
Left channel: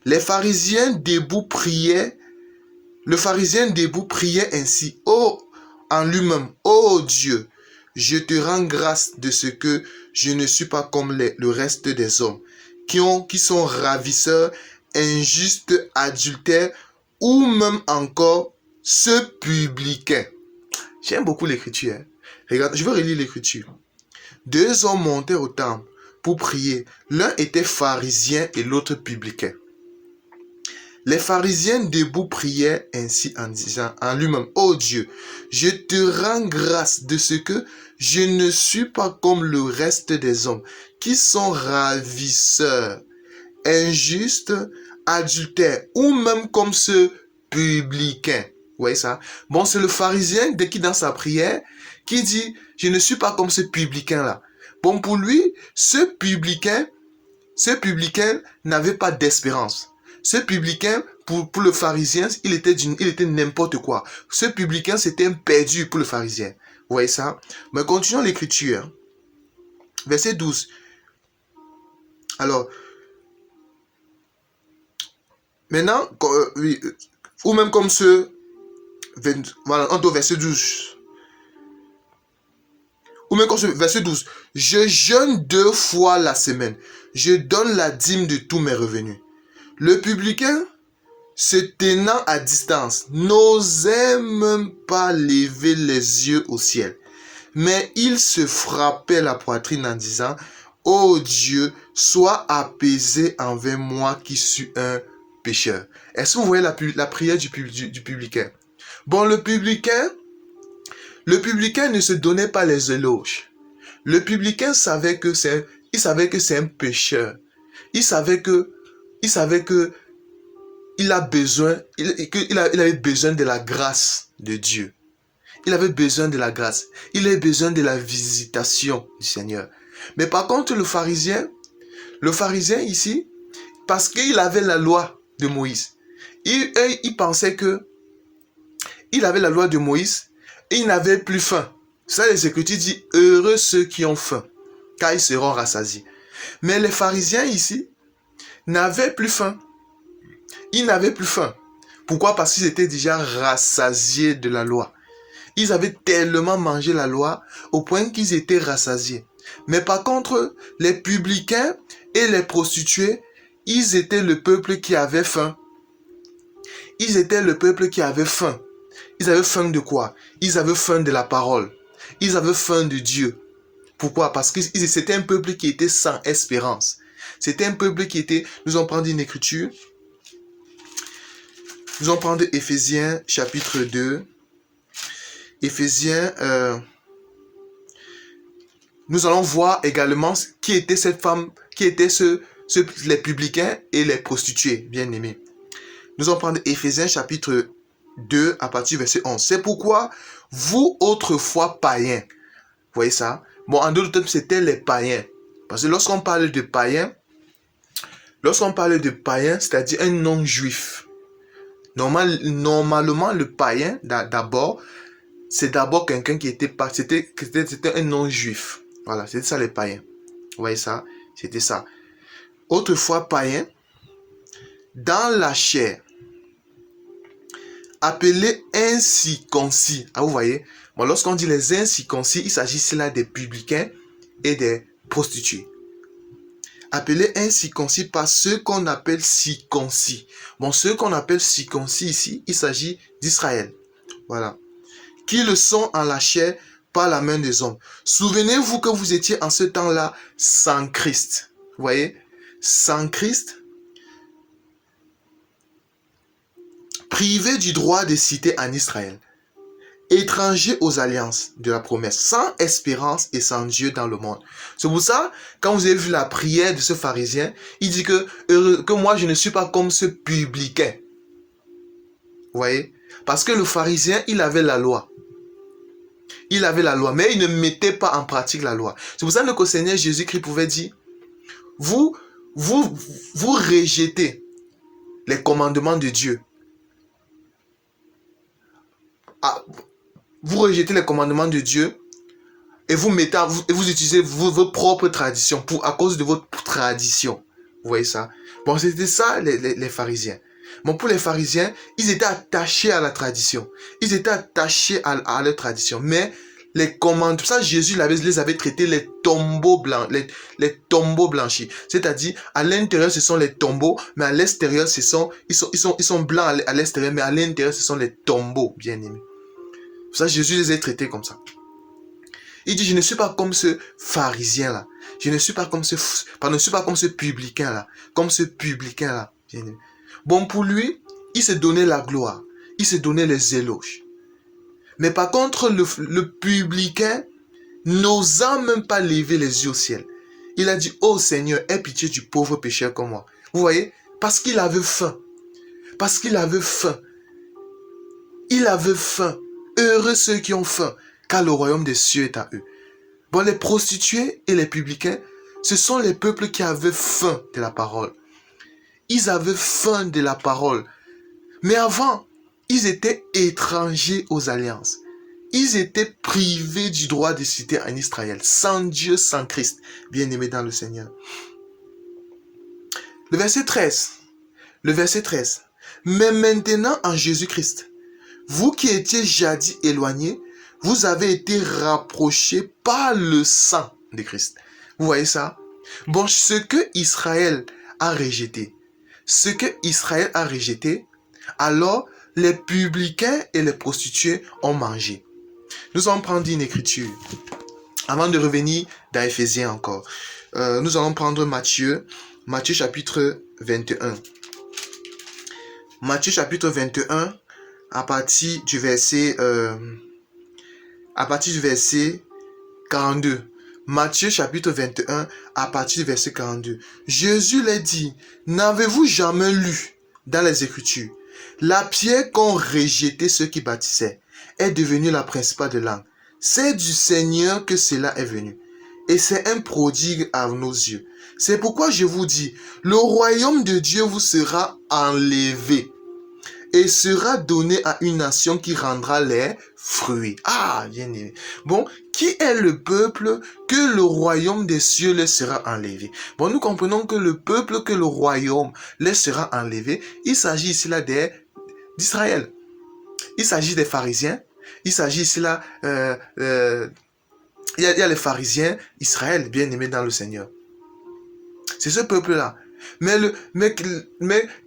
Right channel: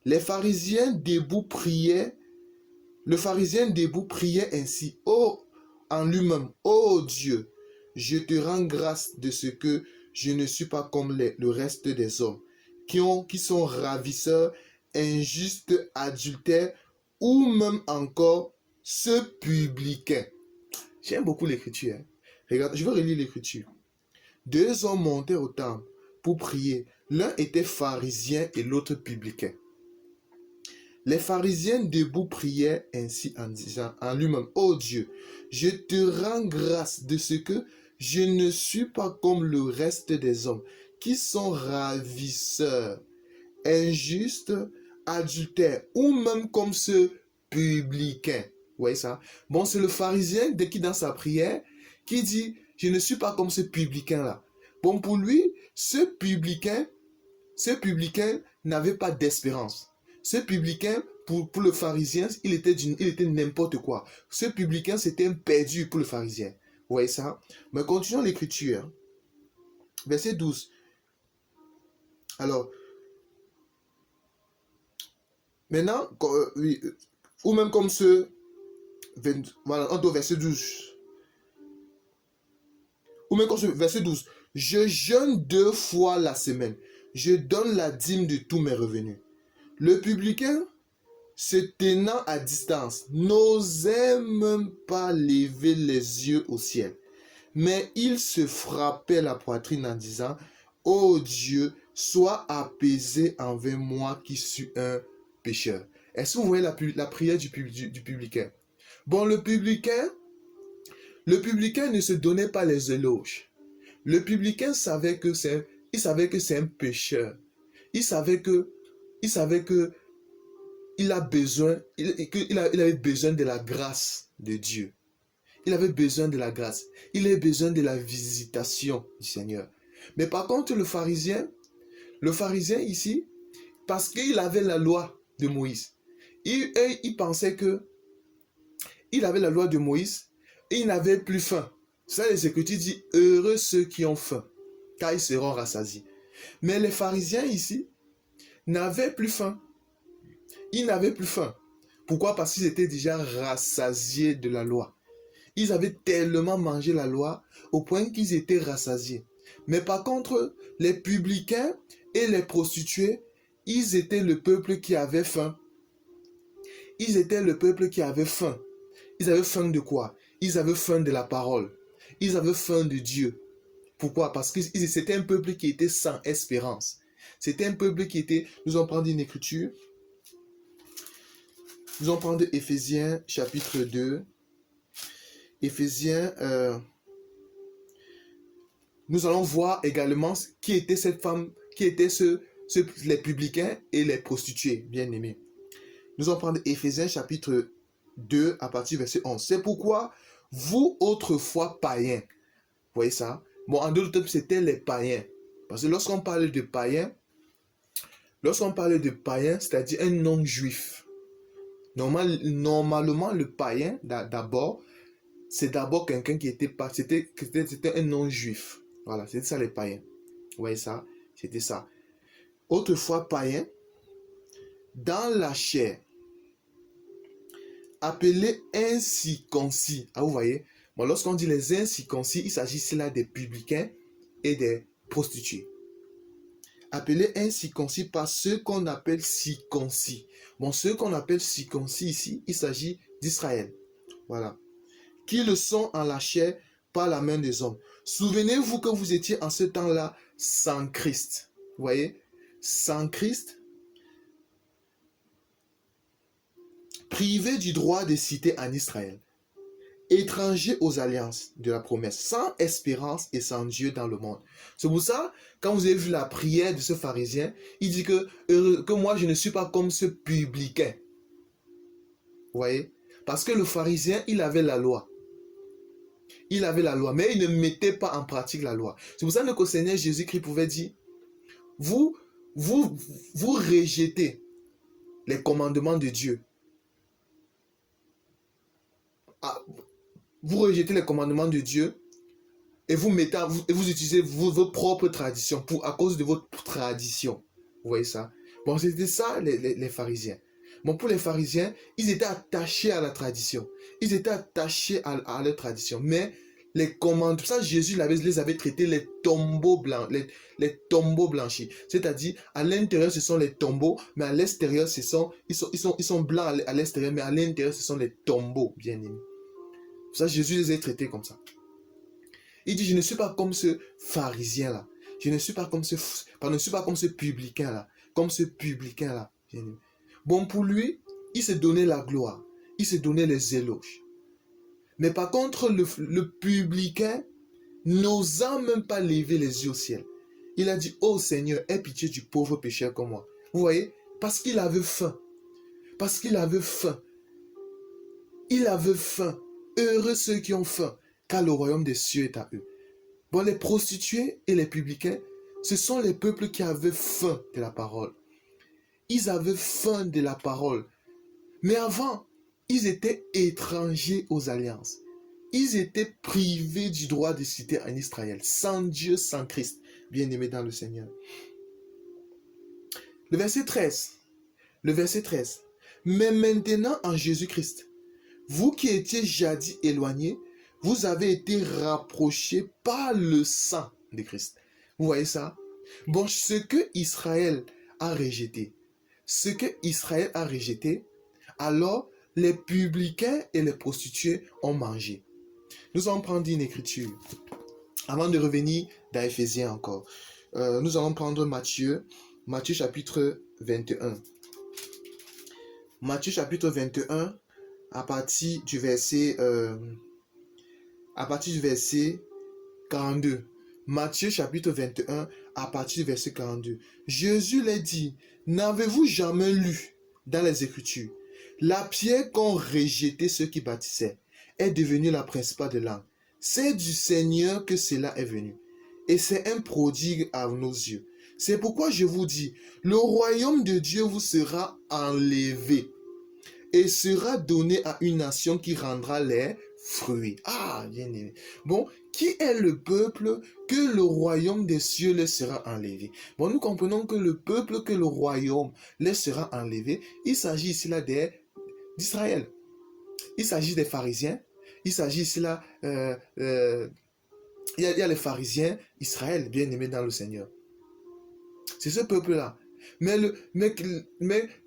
Les pharisiens debout priaient. Le pharisien debout priait ainsi, en lui-même, ô Dieu, je te rends grâce de ce que je ne suis pas comme le reste des hommes, qui sont ravisseurs, injustes, adultères, ou même encore ce publicain. J'aime beaucoup l'écriture. Hein? Regarde, je vais relire l'écriture. 2 hommes montèrent au temple pour prier. L'un était pharisien et l'autre publicain. Les pharisiens debout priaient ainsi en disant en lui-même, ô Dieu, je te rends grâce de ce que je ne suis pas comme le reste des hommes, qui sont ravisseurs, injustes, adultères, ou même comme ce publicain. Vous voyez ça? Bon, c'est le pharisien, dès qu'il dans sa prière, qui dit, je ne suis pas comme ce publicain-là. Bon, pour lui, ce publicain n'avait pas d'espérance. Ce publicain, pour le pharisien, il était n'importe quoi. Ce publicain, c'était un perdu pour le pharisien. Vous voyez ça? Mais continuons l'écriture. Verset 12. Alors, maintenant, ou même comme voilà, entre verset 12. Ou même comme ce verset 12. Je jeûne 2 fois la semaine. Je donne la dîme de tous mes revenus. Le publicain, se tenant à distance, n'osait même pas lever les yeux au ciel. Mais il se frappait la poitrine en disant, ô Dieu, sois apaisé envers moi qui suis un pécheur. Est-ce que vous voyez la prière du publicain? Bon, le publicain ne se donnait pas les éloges. Le publicain savait que c'est un pécheur. Il savait que il avait besoin de la grâce de Dieu. Il avait besoin de la grâce. Il avait besoin de la visitation du Seigneur. Mais par contre, le pharisien ici, parce qu'il avait la loi de Moïse, il pensait que il avait la loi de Moïse et il n'avait plus faim. Ça, les Écritures disent, heureux ceux qui ont faim, car ils seront rassasiés. Mais les pharisiens ici n'avaient plus faim. Ils n'avaient plus faim. Pourquoi? Parce qu'ils étaient déjà rassasiés de la loi. Ils avaient tellement mangé la loi au point qu'ils étaient rassasiés. Mais par contre, les publicains et les prostituées, ils étaient le peuple qui avait faim. Ils étaient le peuple qui avait faim. Ils avaient faim de quoi? Ils avaient faim de la parole. Ils avaient faim de Dieu. Pourquoi? Parce que c'était un peuple qui était sans espérance. C'était un peuple qui était... Nous allons prendre une écriture. Nous allons prendre Éphésiens chapitre 2. Éphésiens... nous allons voir également qui était cette femme, qui étaient les publicains et les prostituées, bien aimés. Nous allons prendre Éphésiens chapitre 2 à partir du verset 11. C'est pourquoi vous autrefois païens, vous voyez ça? Bon, en d'autres termes, c'était les païens. Parce que lorsqu'on parle de païens, c'est-à-dire un non-juif, normalement, le païen, d'abord, c'est d'abord quelqu'un qui était pas, c'était un non-juif. Voilà, c'était ça les païens. Vous voyez ça? C'était ça. Autrefois païens, dans la chair, appelés incirconcis. Ah, vous voyez? Bon, lorsqu'on dit les incirconcis, il s'agit là des publicains et des prostituées. Appelés incirconcis par ceux qu'on appelle circoncis. Bon, ceux qu'on appelle circoncis ici, il s'agit d'Israël. Voilà. Qui le sont en la chair par la main des hommes. Souvenez-vous que vous étiez en ce temps-là sans Christ. Vous voyez? Sans Christ, privé du droit de cité en Israël, étranger aux alliances de la promesse, sans espérance et sans Dieu dans le monde. C'est pour ça, quand vous avez vu la prière de ce pharisien, il dit que moi je ne suis pas comme ce publicain. Vous voyez? Parce que le pharisien, il avait la loi. Il avait la loi, mais il ne mettait pas en pratique la loi. C'est pour ça que le Seigneur Jésus-Christ pouvait dire, vous rejetez les commandements de Dieu. Ah, vous rejetez les commandements de Dieu et vous utilisez vos propres traditions à cause de votre tradition. Vous voyez ça? Bon, c'était ça les pharisiens. Bon, pour les pharisiens, ils étaient attachés à la tradition. Ils étaient attachés à leur tradition. Mais les commandements, ça Jésus les avait traités les tombeaux blancs, les tombeaux blanchis. C'est-à-dire, à l'intérieur, ce sont les tombeaux, mais à l'extérieur, ils sont blancs à l'extérieur, mais à l'intérieur, ce sont les tombeaux, bien aimés. Ça, Jésus les a traités comme ça. Il dit, je ne suis pas comme ce pharisien-là. Je ne suis pas comme ce publicain-là. Comme ce publicain-là. Bon, pour lui, il se donnait la gloire. Il se donnait les éloges. Mais par contre, le publicain n'osant même pas lever les yeux au ciel. Il a dit, oh Seigneur, aie pitié du pauvre pécheur comme moi. Vous voyez? Parce qu'il avait faim. Parce qu'il avait faim. Il avait faim. Heureux ceux qui ont faim, car le royaume des cieux est à eux. Bon, les prostituées et les publicains, ce sont les peuples qui avaient faim de la parole. Ils avaient faim de la parole. Mais avant, ils étaient étrangers aux alliances. Ils étaient privés du droit de citer en Israël, sans Dieu, sans Christ, bien-aimés dans le Seigneur. Le verset 13. Mais maintenant en Jésus-Christ, vous qui étiez jadis éloignés, vous avez été rapprochés par le sang de Christ. Vous voyez ça? Bon, ce que Israël a rejeté, alors les publicains et les prostituées ont mangé. Nous allons prendre une écriture. Avant de revenir dans Éphésiens encore, nous allons prendre Matthieu chapitre 21. Matthieu chapitre 21, à partir du verset 42. Matthieu chapitre 21, à partir du verset 42. Jésus leur dit, n'avez-vous jamais lu dans les Écritures, la pierre qu'ont rejeté ceux qui bâtissaient est devenue la principale de l'angle. C'est du Seigneur que cela est venu. Et c'est un prodigue à nos yeux. C'est pourquoi je vous dis, le royaume de Dieu vous sera enlevé et sera donné à une nation qui rendra les fruits. Ah, bien aimé. Bon, qui est le peuple que le royaume des cieux leur sera enlevé? Bon, nous comprenons que le peuple que le royaume leur sera enlevé, il s'agit ici là d'Israël. Il s'agit des pharisiens. Il s'agit ici là, il y a les pharisiens, Israël, bien aimé dans le Seigneur. C'est ce peuple-là. Mais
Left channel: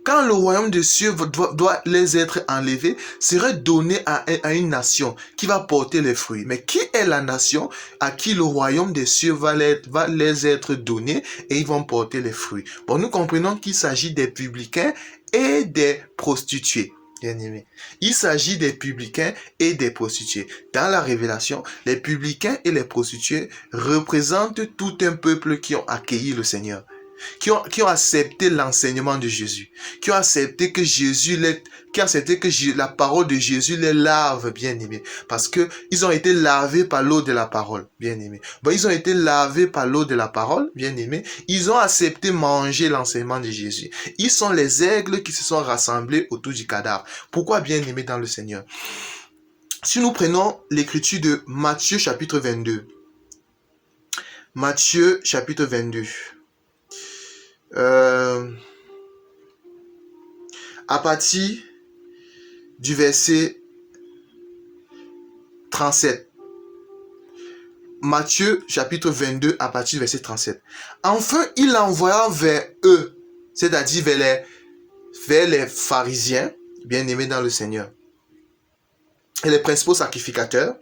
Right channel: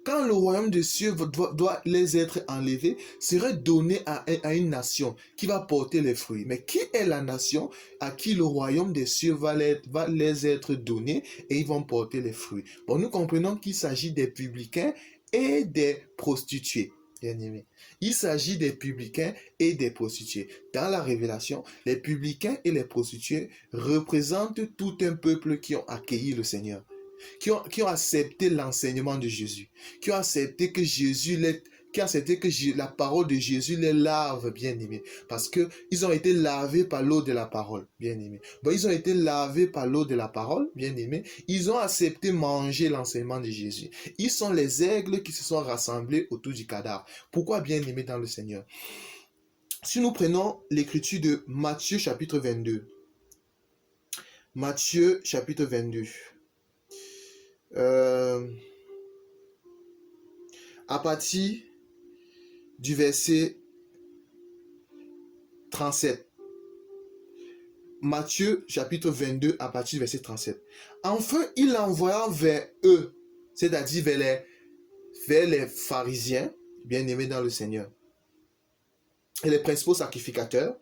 quand le royaume des cieux doit les être enlevé, serait donné à une nation qui va porter les fruits. Mais qui est la nation à qui le royaume des cieux va les être donné et ils vont porter les fruits? Bon, nous comprenons qu'il s'agit des publicains et des prostituées. Bien aimé. Il s'agit des publicains et des prostituées. Dans la Révélation, les publicains et les prostituées représentent tout un peuple qui ont accueilli le Seigneur, qui ont accepté l'enseignement de Jésus, qui ont accepté que la parole de Jésus les lave, bien aimé, parce que ils ont été lavés par l'eau de la parole, bien aimé. Bon, ils ont été lavés par l'eau de la parole, bien aimé. Ils ont accepté manger l'enseignement de Jésus. Ils sont les aigles qui se sont rassemblés autour du cadavre. Pourquoi, bien aimé dans le Seigneur? Si nous prenons l'écriture de Matthieu chapitre 22, Matthieu chapitre 22. À partir du verset 37. Matthieu chapitre 22 à partir du verset 37. Enfin, il envoya vers eux, c'est-à-dire vers les pharisiens, bien aimés dans le Seigneur, et les principaux sacrificateurs,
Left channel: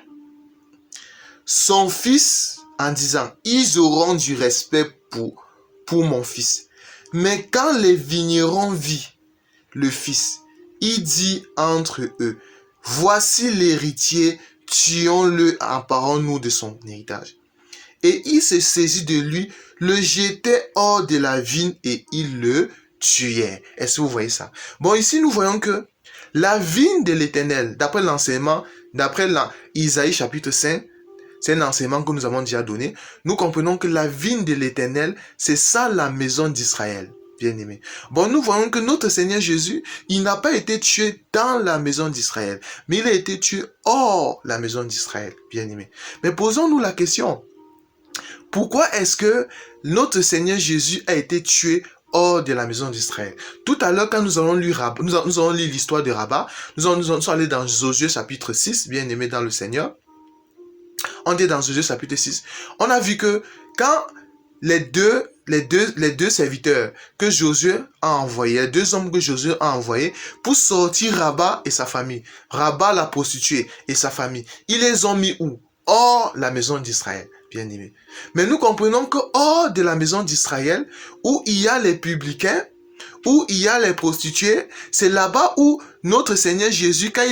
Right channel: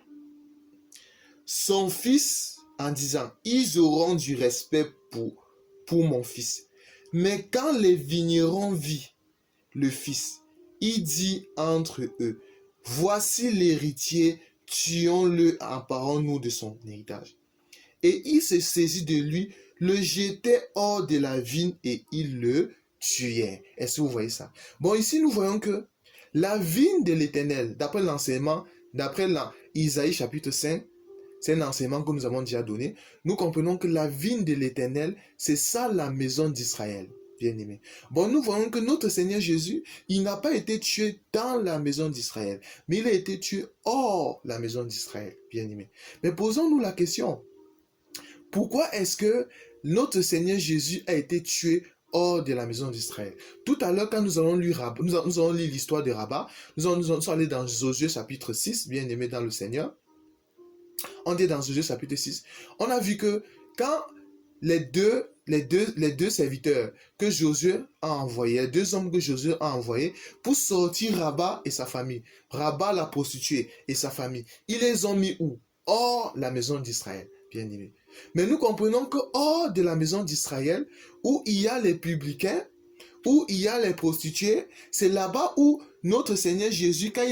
son fils en disant, ils auront du respect pour mon fils. Mais quand les vignerons virent le fils, il dit entre eux, voici l'héritier, tuons-le, emparons-nous de son héritage. Et il se saisit de lui, le jetait hors de la vigne et il le tuait. Est-ce que vous voyez ça? Bon, ici nous voyons que la vigne de l'Éternel, d'après l'enseignement, d'après Isaïe chapitre 5, c'est un enseignement que nous avons déjà donné, nous comprenons que la vigne de l'Éternel, c'est ça la maison d'Israël. Bien-aimé. Bon, nous voyons que notre Seigneur Jésus, il n'a pas été tué dans la maison d'Israël, mais il a été tué hors la maison d'Israël. Bien-aimé. Mais posons-nous la question, pourquoi est-ce que notre Seigneur Jésus a été tué hors de la maison d'Israël? Tout à l'heure, quand nous allons lire l'histoire de Rabat, nous allons aller dans Josué chapitre 6, bien-aimé dans le Seigneur. On est dans Josué chapitre 6. On a vu que quand les deux serviteurs que Josué a envoyés, les deux hommes que Josué a envoyés pour sortir Rabat et sa famille, Rabat la prostituée et sa famille, ils les ont mis où? Hors la maison d'Israël, bien aimé. Mais nous comprenons que hors de la maison d'Israël, où il y a les publicains, où il y a les prostituées, c'est là-bas où notre Seigneur Jésus, quand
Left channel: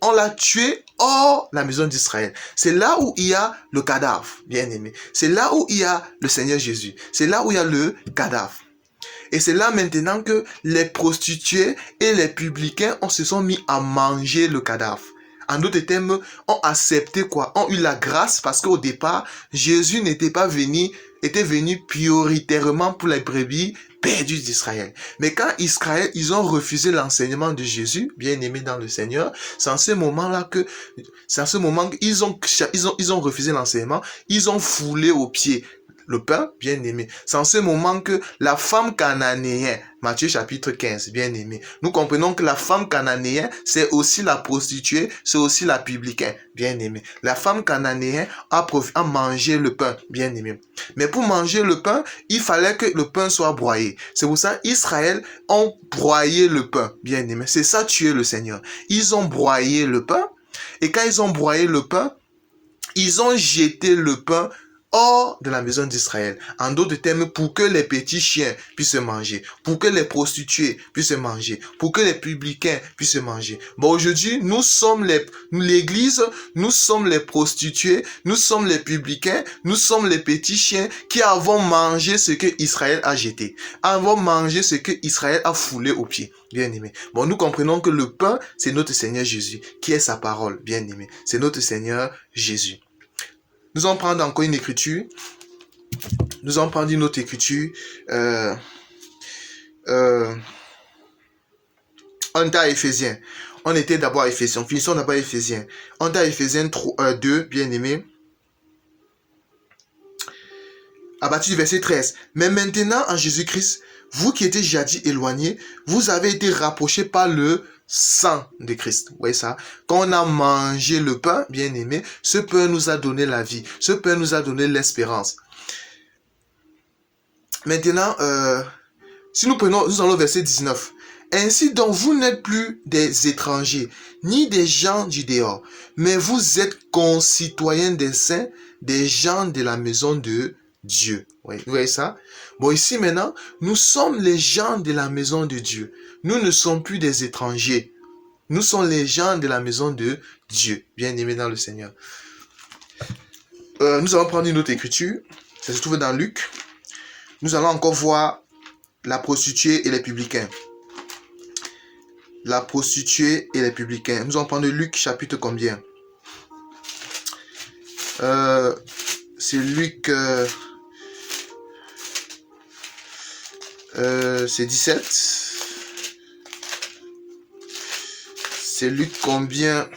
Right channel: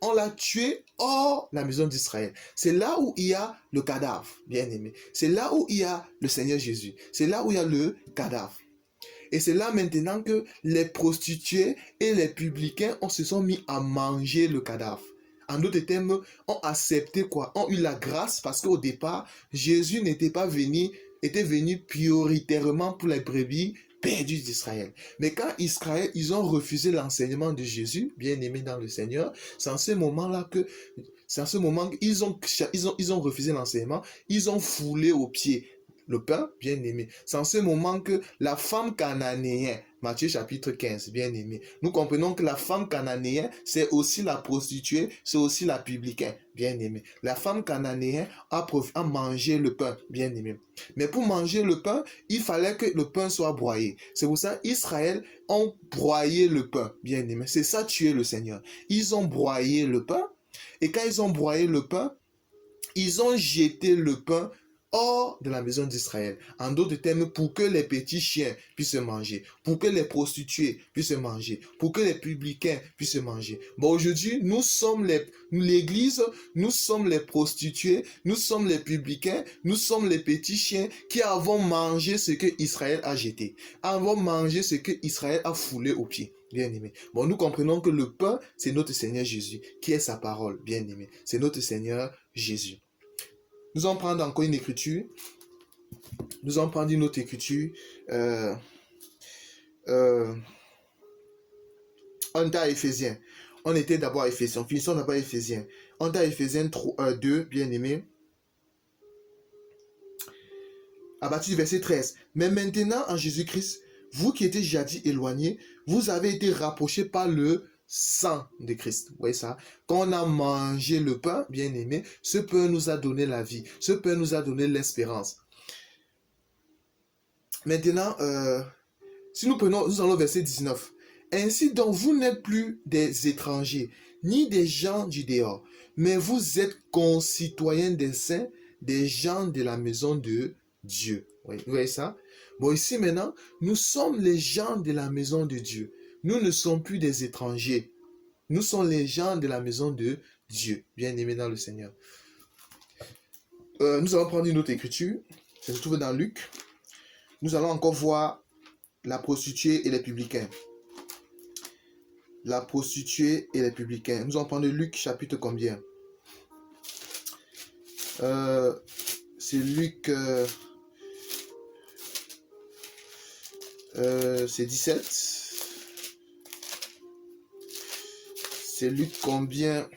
on l'a tué hors la maison d'Israël. C'est là où il y a le cadavre, bien aimé. C'est là où il y a le Seigneur Jésus. C'est là où il y a le cadavre. Et c'est là maintenant que les prostituées et les publicains se sont mis à manger le cadavre. En d'autres termes, ont accepté quoi? Ont eu la grâce parce qu'au départ, Jésus était venu prioritairement pour les brebis perdues d'Israël. Mais quand ils ont refusé l'enseignement de Jésus, bien aimé dans le Seigneur, c'est en ce moment-là qu'ils ont refusé l'enseignement, ils ont foulé aux pieds le pain, bien aimé. C'est en ce moment que la femme cananéenne, Matthieu chapitre 15, bien aimé, nous comprenons que la femme cananéenne, c'est aussi la prostituée, c'est aussi la publicaine, bien aimé. La femme cananéenne a mangé le pain, bien aimé. Mais pour manger le pain, il fallait que le pain soit broyé. C'est pour ça qu'Israël ont broyé le pain, bien aimé. C'est ça tuer le Seigneur. Ils ont broyé le pain, et quand ils ont broyé le pain, ils ont jeté le pain hors de la maison d'Israël. En d'autres termes, pour que les petits chiens puissent manger, pour que les prostituées puissent manger, pour que les publicains puissent manger. Bon, aujourd'hui, nous sommes l'Église, nous sommes les prostituées, nous sommes les publicains, nous sommes les petits chiens qui avons mangé ce que Israël a jeté, avons mangé ce que Israël a foulé aux pieds. Bien aimé. Bon, nous comprenons que le pain, c'est notre Seigneur Jésus, qui est sa parole, bien aimé. C'est notre Seigneur Jésus. Nous allons prendre encore une écriture. Nous allons prendre une autre écriture. On est à Éphésiens. On était d'abord à Éphésiens. Finissons d'abord à Éphésiens. On est à Éphésiens 2, bien aimé. À partir du verset 13. Mais maintenant, en Jésus-Christ, vous qui étiez jadis éloignés, vous avez été rapprochés par le sang de Christ. Vous voyez ça? Quand on a mangé le pain, bien aimé, ce pain nous a donné la vie. Ce pain nous a donné l'espérance. Maintenant, si nous allons au verset 19. Ainsi donc, vous n'êtes plus des étrangers, ni des gens du dehors, mais vous êtes concitoyens des saints, des gens de la maison de Dieu. Vous voyez ça? Bon, ici maintenant, nous sommes les gens de la maison de Dieu. Nous ne sommes plus des étrangers. Nous sommes les gens de la maison de Dieu, bien aimés dans le Seigneur. Nous allons prendre une autre écriture. Ça se trouve dans Luc. Nous allons encore voir la prostituée et les publicains. La prostituée et les publicains. Nous allons prendre Luc chapitre combien? C'est Luc... c'est 17. C'est Luc combien?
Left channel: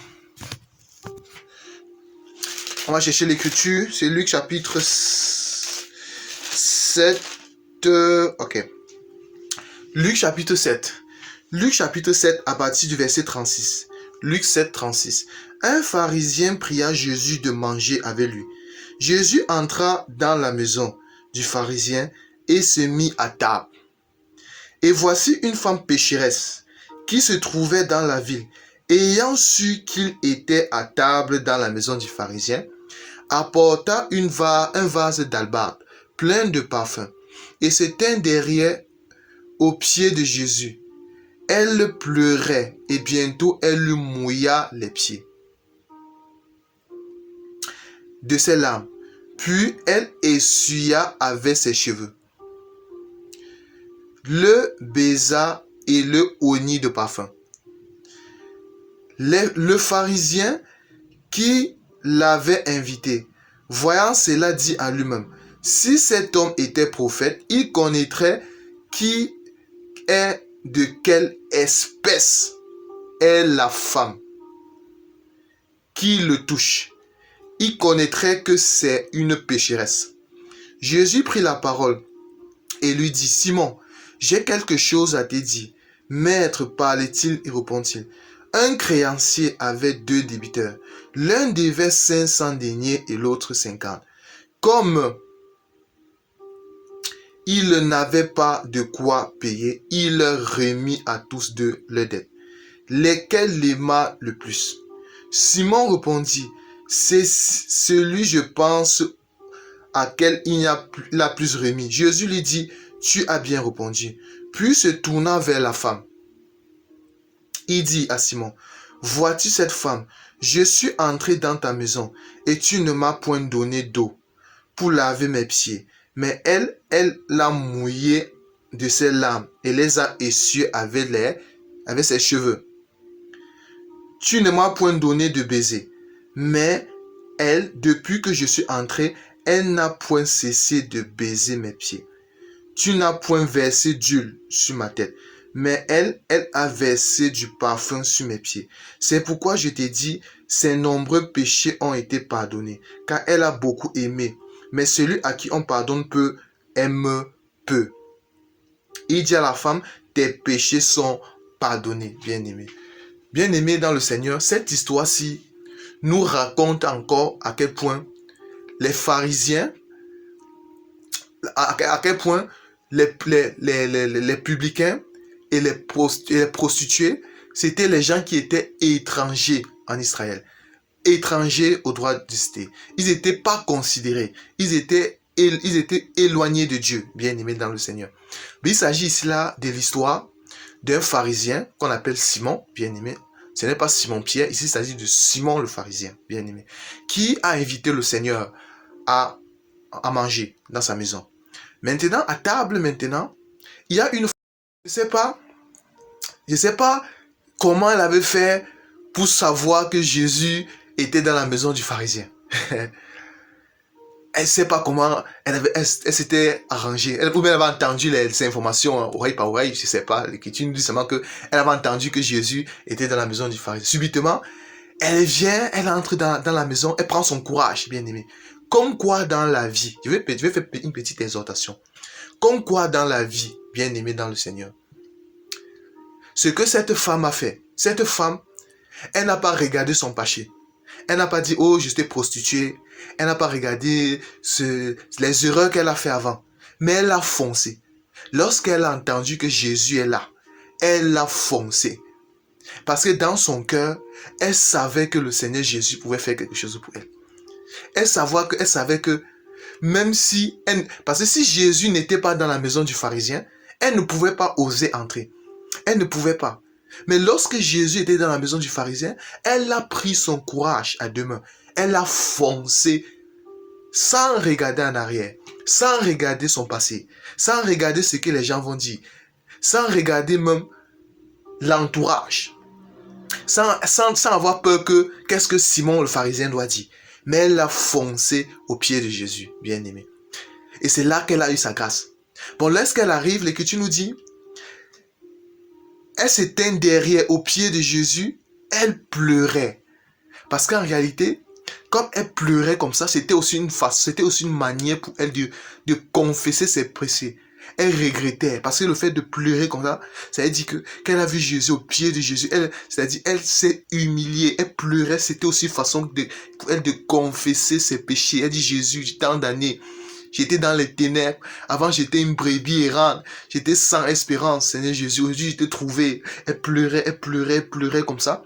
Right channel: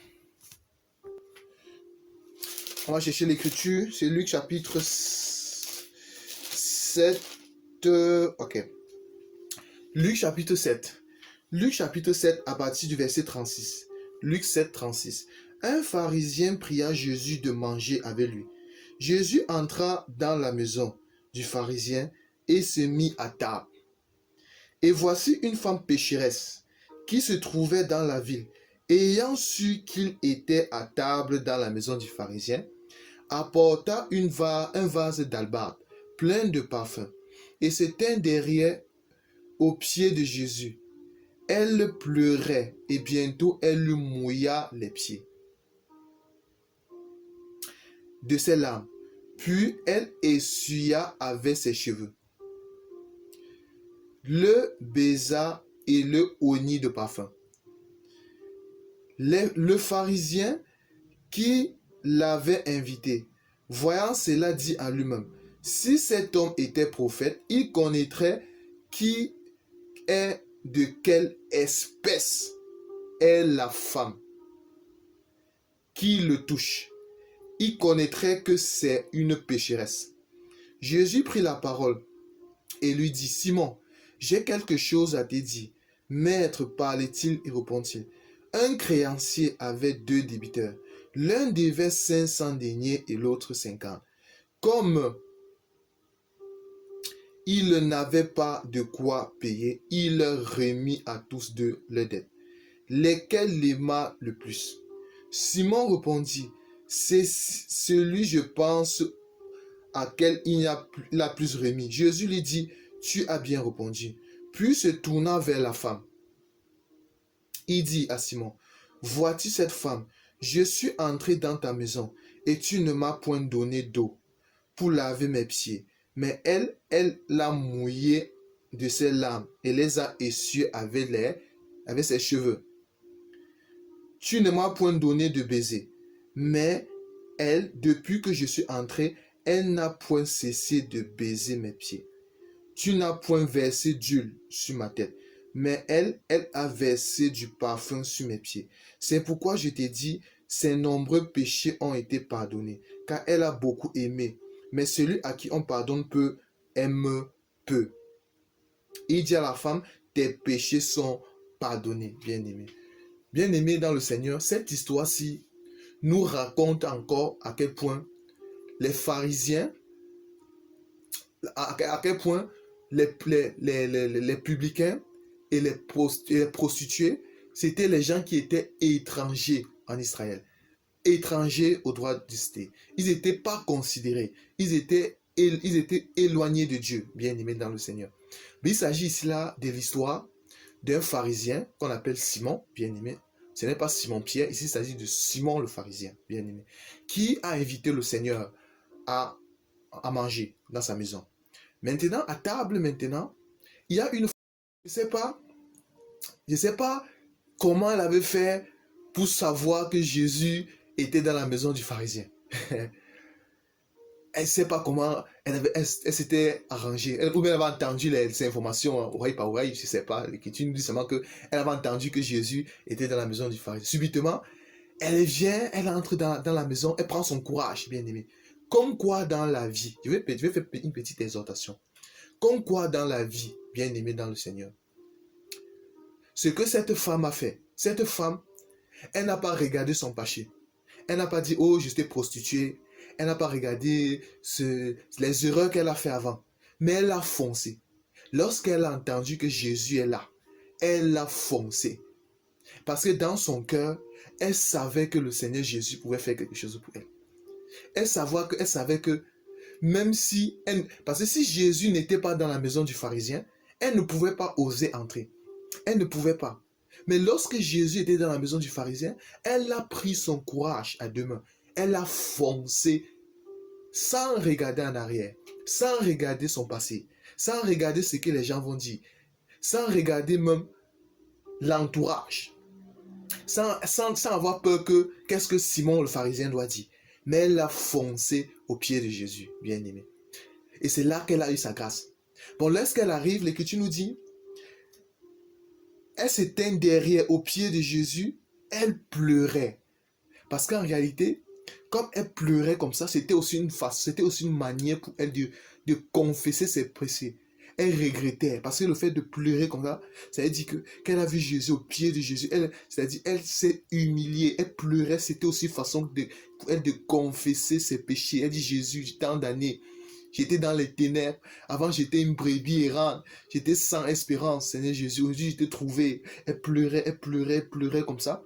On va chercher l'écriture. C'est Luc chapitre 7. Ok. Luc chapitre 7. Luc chapitre 7 à partir du verset 36. Luc 7, 36. Un pharisien pria Jésus de manger avec lui. Jésus entra dans la maison du pharisien et se mit à table. Et voici une femme pécheresse qui se trouvait dans la ville, ayant su qu'il était à table dans la maison du pharisien, apporta un vase d'albâtre plein de parfums et se tint derrière aux pieds de Jésus. Elle pleurait et bientôt elle lui mouilla les pieds de ses larmes. Puis elle essuya avec ses cheveux, le baisa et le oignit de parfum. Le pharisien qui l'avait invité. Voyant cela, dit à lui-même, si cet homme était prophète, il connaîtrait qui est de quelle espèce est la femme qui le touche. Il connaîtrait que c'est une pécheresse. Jésus prit la parole et lui dit, Simon, j'ai quelque chose à te dire. Maître, parlait-il et répondit-il. Un créancier avait 2 débiteurs. L'un devait 500 deniers et l'autre 50. Comme il n'avait pas de quoi payer, il leur remit à tous 2 leurs dettes. Lesquels l'aima le plus? Simon répondit, c'est celui, je pense, à quel il a plus remis. Jésus lui dit, tu as bien répondu. Puis se tournant vers la femme, il dit à Simon, vois-tu cette femme? Je suis entré dans ta maison et tu ne m'as point donné d'eau pour laver mes pieds. Mais elle l'a mouillé de ses larmes et les a essuyés avec ses cheveux. Tu ne m'as point donné de baiser. Mais elle, depuis que je suis entré, elle n'a point cessé de baiser mes pieds. Tu n'as point versé d'huile sur ma tête, mais elle a versé du parfum sur mes pieds. C'est pourquoi je t'ai dit, ses nombreux péchés ont été pardonnés, car elle a beaucoup aimé. Mais celui à qui on pardonne peu, aime peu. Il dit à la femme, tes péchés sont pardonnés, bien-aimé. Bien-aimé dans le Seigneur, cette histoire-ci nous raconte encore à quel point les pharisiens, à quel point les publicains et les prostituées, c'était les gens qui étaient étrangers en Israël, étrangers au droit de cité. Ils n'étaient pas considérés, ils étaient éloignés de Dieu, bien-aimés dans le Seigneur. Mais il s'agit ici là de l'histoire d'un pharisien qu'on appelle Simon, bien-aimé. Ce n'est pas Simon-Pierre, ici il s'agit de Simon le pharisien, bien-aimé, qui a invité le Seigneur à manger dans sa maison. Maintenant, à table, il y a une femme, je ne sais pas comment elle avait fait pour savoir que Jésus était dans la maison du pharisien. Elle ne sait pas comment elle s'était arrangée. Ou bien elle avait entendu les informations oreille par oreille, je ne sais pas. L'Écriture nous dit seulement qu'elle avait entendu que Jésus était dans la maison du pharisien. Subitement, elle vient, elle entre dans la maison, elle prend son courage, bien aimé. Comme quoi dans la vie, je vais faire une petite exhortation. Comme quoi dans la vie, bien aimé dans le Seigneur, ce que cette femme a fait, cette femme, elle n'a pas regardé son péché. Elle n'a pas dit, oh, j'étais prostituée. Elle n'a pas regardé les erreurs qu'elle a fait avant. Mais elle a foncé. Lorsqu'elle a entendu que Jésus est là, elle a foncé. Parce que dans son cœur, elle savait que le Seigneur Jésus pouvait faire quelque chose pour elle. Elle savait que même si... parce que si Jésus n'était pas dans la maison du pharisien, elle ne pouvait pas oser entrer. Elle ne pouvait pas. Mais lorsque Jésus était dans la maison du pharisien, elle a pris son courage à 2 mains. Elle a foncé sans regarder en arrière, sans regarder son passé, sans regarder ce que les gens vont dire, sans regarder même l'entourage, sans avoir peur que qu'est-ce que Simon le pharisien doit dire. Mais elle a foncé au pied de Jésus, bien aimé. Et c'est là qu'elle a eu sa grâce. Bon, lorsqu'elle arrive, l'Écriture nous dit, elle s'éteint derrière, au pied de Jésus, elle pleurait. Parce qu'en réalité, comme elle pleurait comme ça, c'était aussi une manière pour elle de confesser ses péchés. Elle regrettait, parce que le fait de pleurer comme ça veut dire qu'elle a vu Jésus au pied de Jésus. C'est-à-dire, elle s'est humiliée, elle pleurait, c'était aussi une façon pour elle de confesser ses péchés. Elle dit, Jésus, tant d'années, j'étais dans les ténèbres. Avant, j'étais une brebis errante. J'étais sans espérance, Seigneur Jésus. Aujourd'hui, je t'ai trouvé. Elle pleurait comme ça.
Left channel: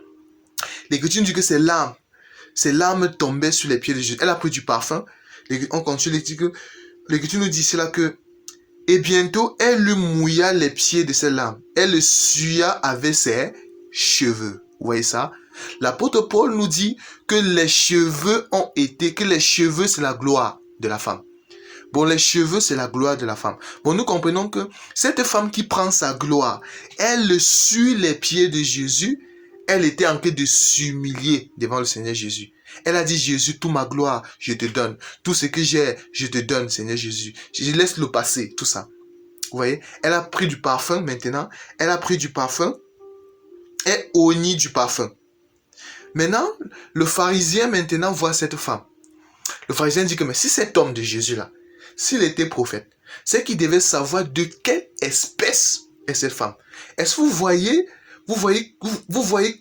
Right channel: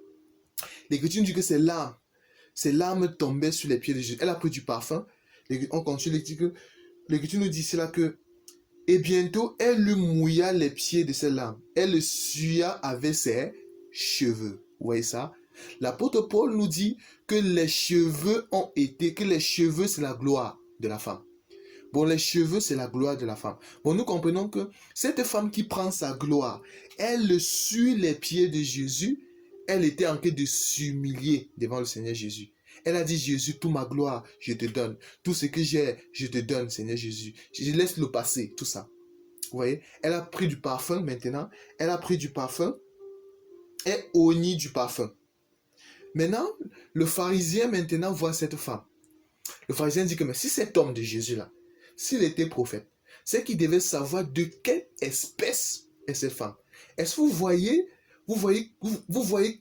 L'Écriture dit que ses larmes tombaient sur les pieds de Jésus. Elle a pris du parfum. On continue, l'Écriture nous dit cela que et bientôt, elle lui mouilla les pieds de ses larmes. Elle le suya avec ses cheveux. Vous voyez ça? L'apôtre Paul nous dit que les cheveux c'est la gloire de la femme. Bon, les cheveux, c'est la gloire de la femme. Bon, nous comprenons que cette femme qui prend sa gloire, elle suit les pieds de Jésus. Elle était en train de s'humilier devant le Seigneur Jésus. Elle a dit, Jésus, toute ma gloire, je te donne. Tout ce que j'ai, je te donne, Seigneur Jésus. Je laisse le passé, tout ça. Vous voyez, elle a pris du parfum maintenant. Elle a pris du parfum et honni du parfum. Maintenant, le pharisien maintenant voit cette femme. Le pharisien dit que mais si cet homme de Jésus-là, s'il était prophète, c'est qu'il devait savoir de quelle espèce est cette femme. Est-ce que vous voyez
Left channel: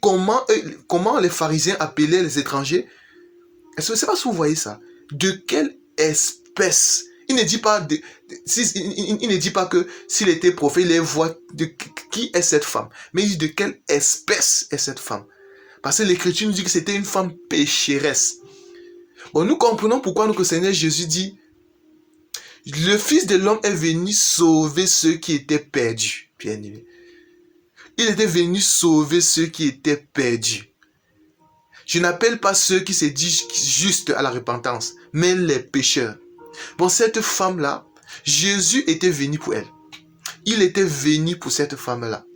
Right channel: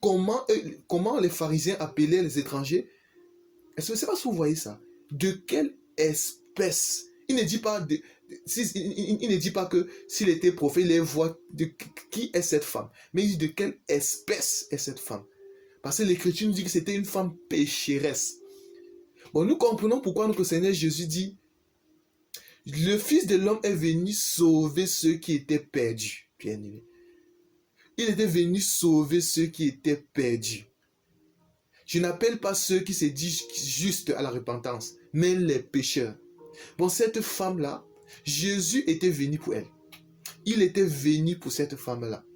comment les pharisiens appelaient les étrangers? Est-ce que c'est pas si vous voyez ça? De quelle espèce? Il ne dit pas il ne dit pas que s'il était prophète, il voit de qui est cette femme, mais il dit de quelle espèce est cette femme. Parce que l'Écriture nous dit que c'était une femme pécheresse. Bon, nous comprenons pourquoi le Seigneur Jésus dit le Fils de l'homme est venu sauver ceux qui étaient perdus. Bien aimé. Il était venu sauver ceux qui étaient perdus. Je n'appelle pas ceux qui se disent justes à la repentance, mais les pécheurs. Bon, cette femme-là, Jésus était venu pour elle. Il était venu pour cette femme-là.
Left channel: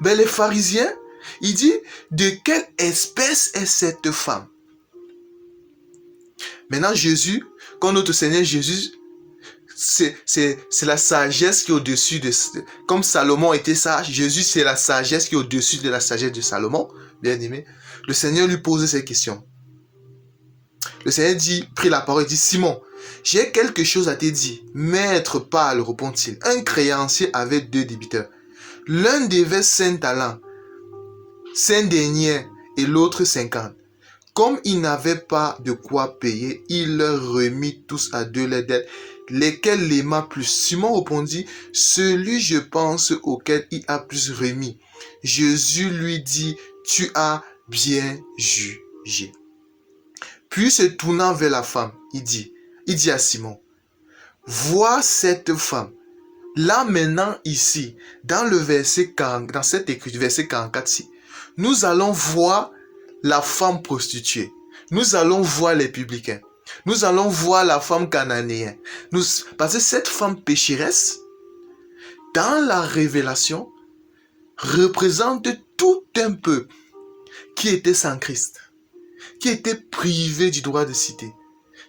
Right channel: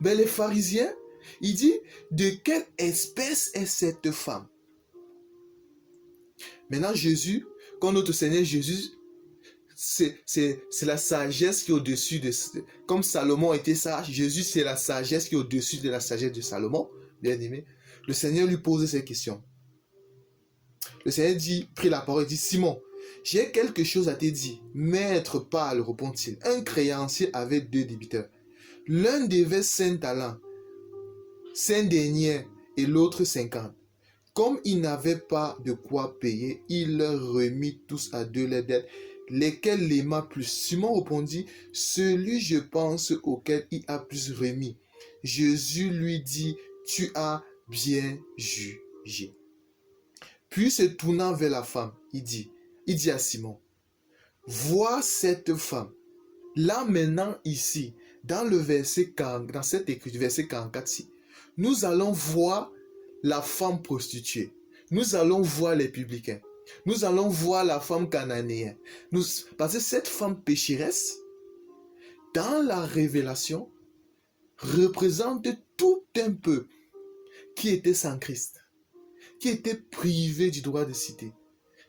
Mais les pharisiens, ils disent, de quelle espèce est cette femme? Maintenant, Jésus, comme notre Seigneur Jésus, c'est la sagesse qui est au-dessus de... Comme Salomon était sage, Jésus, c'est la sagesse qui est au-dessus de la sagesse de Salomon, bien aimé. Le Seigneur lui pose ces questions. Le Seigneur prit la parole et dit, Simon, j'ai quelque chose à te dire. Maître parle, répond-il. Un créancier avait 2 débiteurs. L'un devait 5 talents, 5 deniers, et l'autre 50. Comme il n'avait pas de quoi payer, il leur remit tous à 2 les dettes, lesquels l'aima plus. Simon répondit, celui je pense auquel il a plus remis. Jésus lui dit, tu as bien jugé. Puis se tournant vers la femme, il dit à Simon, vois cette femme. Là maintenant ici, dans le verset 40, dans cette écriture, verset 44 ici, nous allons voir la femme prostituée. Nous allons voir les publicains. Nous allons voir la femme cananéenne. Parce que cette femme pécheresse, dans la révélation, représente tout un peuple qui était sans Christ, qui était privé du droit de cité,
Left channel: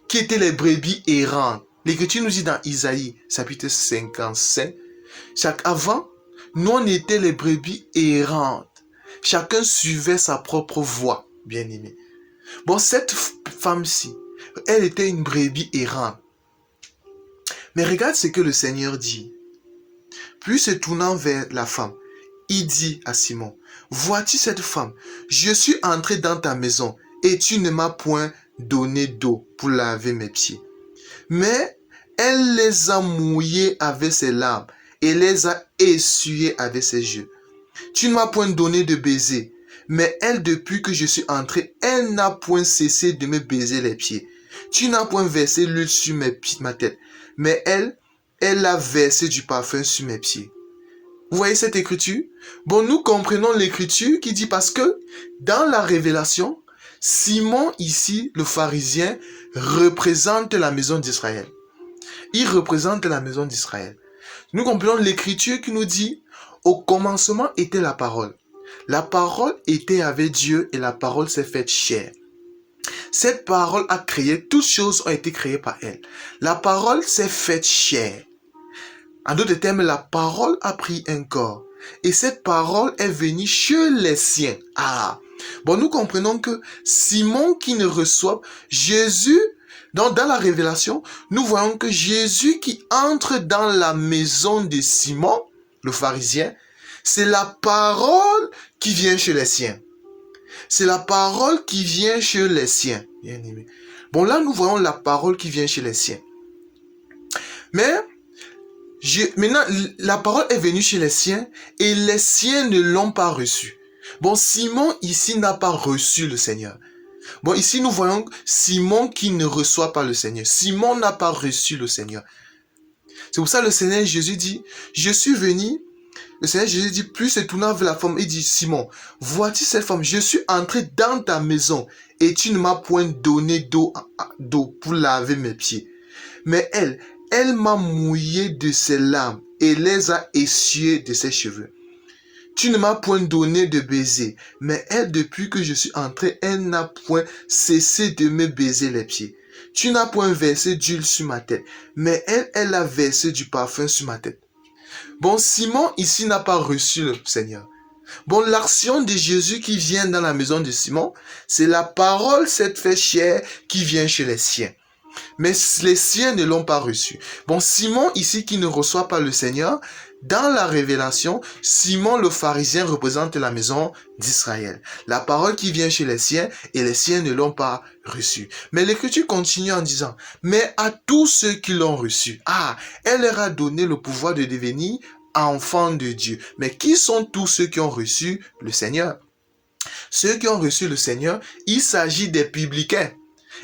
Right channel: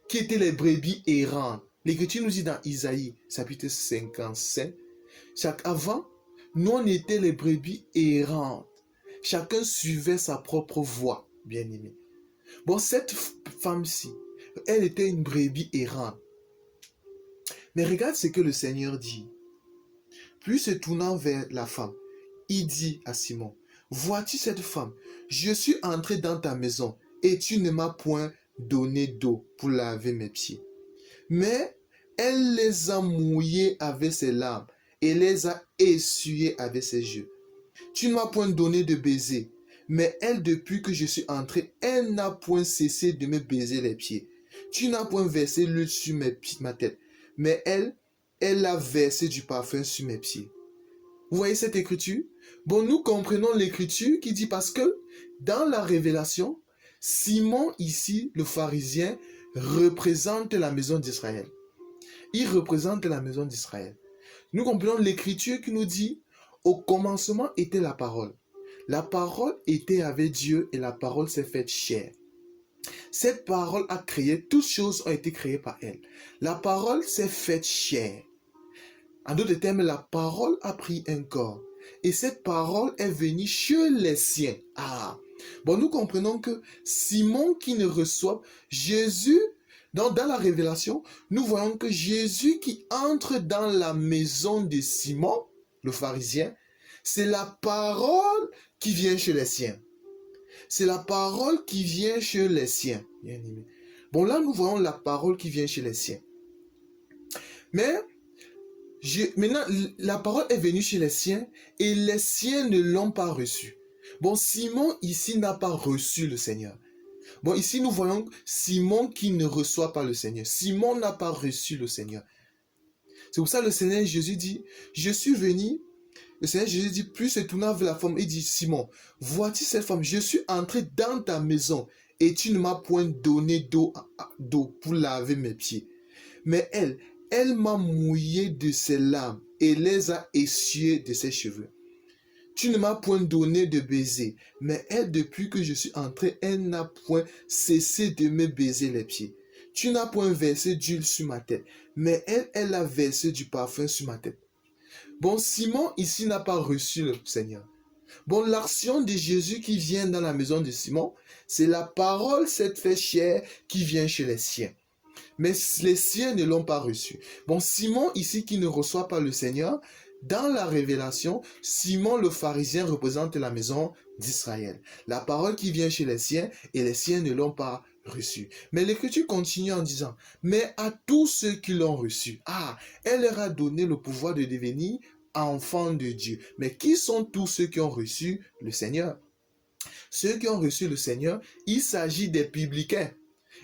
qui étaient les brebis errantes. L'Écriture nous dit dans Isaïe, chapitre 55, avant, nous on était les brebis errantes. Chacun suivait sa propre voie, bien aimé. Bon, cette femme-ci, elle était une brebis errante. Mais regarde ce que le Seigneur dit. Puis se tournant vers la femme, il dit à Simon, vois-tu cette femme? Je suis entré dans ta maison et tu ne m'as point donné d'eau pour laver mes pieds. Mais elle les a mouillés avec ses larmes et les a essuyés avec ses yeux. Tu ne m'as point donné de baiser, mais elle, depuis que je suis entré, elle n'a point cessé de me baiser les pieds. Tu n'as point versé l'huile sur ma tête, mais elle a versé du parfum sur mes pieds. Vous voyez cette écriture? Bon, nous comprenons l'écriture qui dit parce que dans la révélation, Simon ici, le pharisien, représente la maison d'Israël. Il représente la maison d'Israël. Nous comprenons l'écriture qui nous dit, au commencement était la parole. La parole était avec Dieu et la parole s'est faite chair. Cette parole a créé, toutes choses ont été créées par elle. La parole s'est faite chair. En d'autres termes, la parole a pris un corps. Et cette parole est venue chez les siens. Bon, nous comprenons que Simon qui ne reçoit Jésus, dans la révélation, nous voyons que Jésus qui entre dans la maison de Simon, le pharisien, c'est la parole qui vient chez les siens. C'est la parole qui vient chez les siens. Bien aimé. Bon, là, nous voyons la parole qui vient chez les siens. Mais, maintenant, la parole est venue chez les siens et les siens ne l'ont pas reçue. Bon, Simon ici n'a pas reçu le Seigneur. Bon, ici nous voyons Simon qui ne reçoit pas le Seigneur. Simon n'a pas reçu le Seigneur. C'est pour ça que le Seigneur Jésus dit, je suis venu. Le Seigneur Jésus dit, plus se tournant vers la femme, il dit, Simon, vois-tu cette femme? Je suis entré dans ta maison et tu ne m'as point donné d'eau pour laver mes pieds. Mais elle m'a mouillé de ses larmes et les a essuyés de ses cheveux. Tu ne m'as point donné de baiser, mais elle, depuis que je suis entré, elle n'a point cessé de me baiser les pieds. Tu n'as point versé d'huile sur ma tête, mais elle a versé du parfum sur ma tête. Bon, Simon ici n'a pas reçu le Seigneur. Bon, l'action de Jésus qui vient dans la maison de Simon, c'est la parole cette fait chair qui vient chez les siens. Mais les siens ne l'ont pas reçu. Bon, Simon ici qui ne reçoit pas le Seigneur, dans la révélation, Simon le pharisien représente la maison d'Israël. La parole qui vient chez les siens et les siens ne l'ont pas reçu. Mais l'Écriture continue en disant, mais à tous ceux qui l'ont reçu, elle leur a donné le pouvoir de devenir enfants de Dieu. Mais qui sont tous ceux qui ont reçu le Seigneur? Ceux qui ont reçu le Seigneur, il s'agit des publicains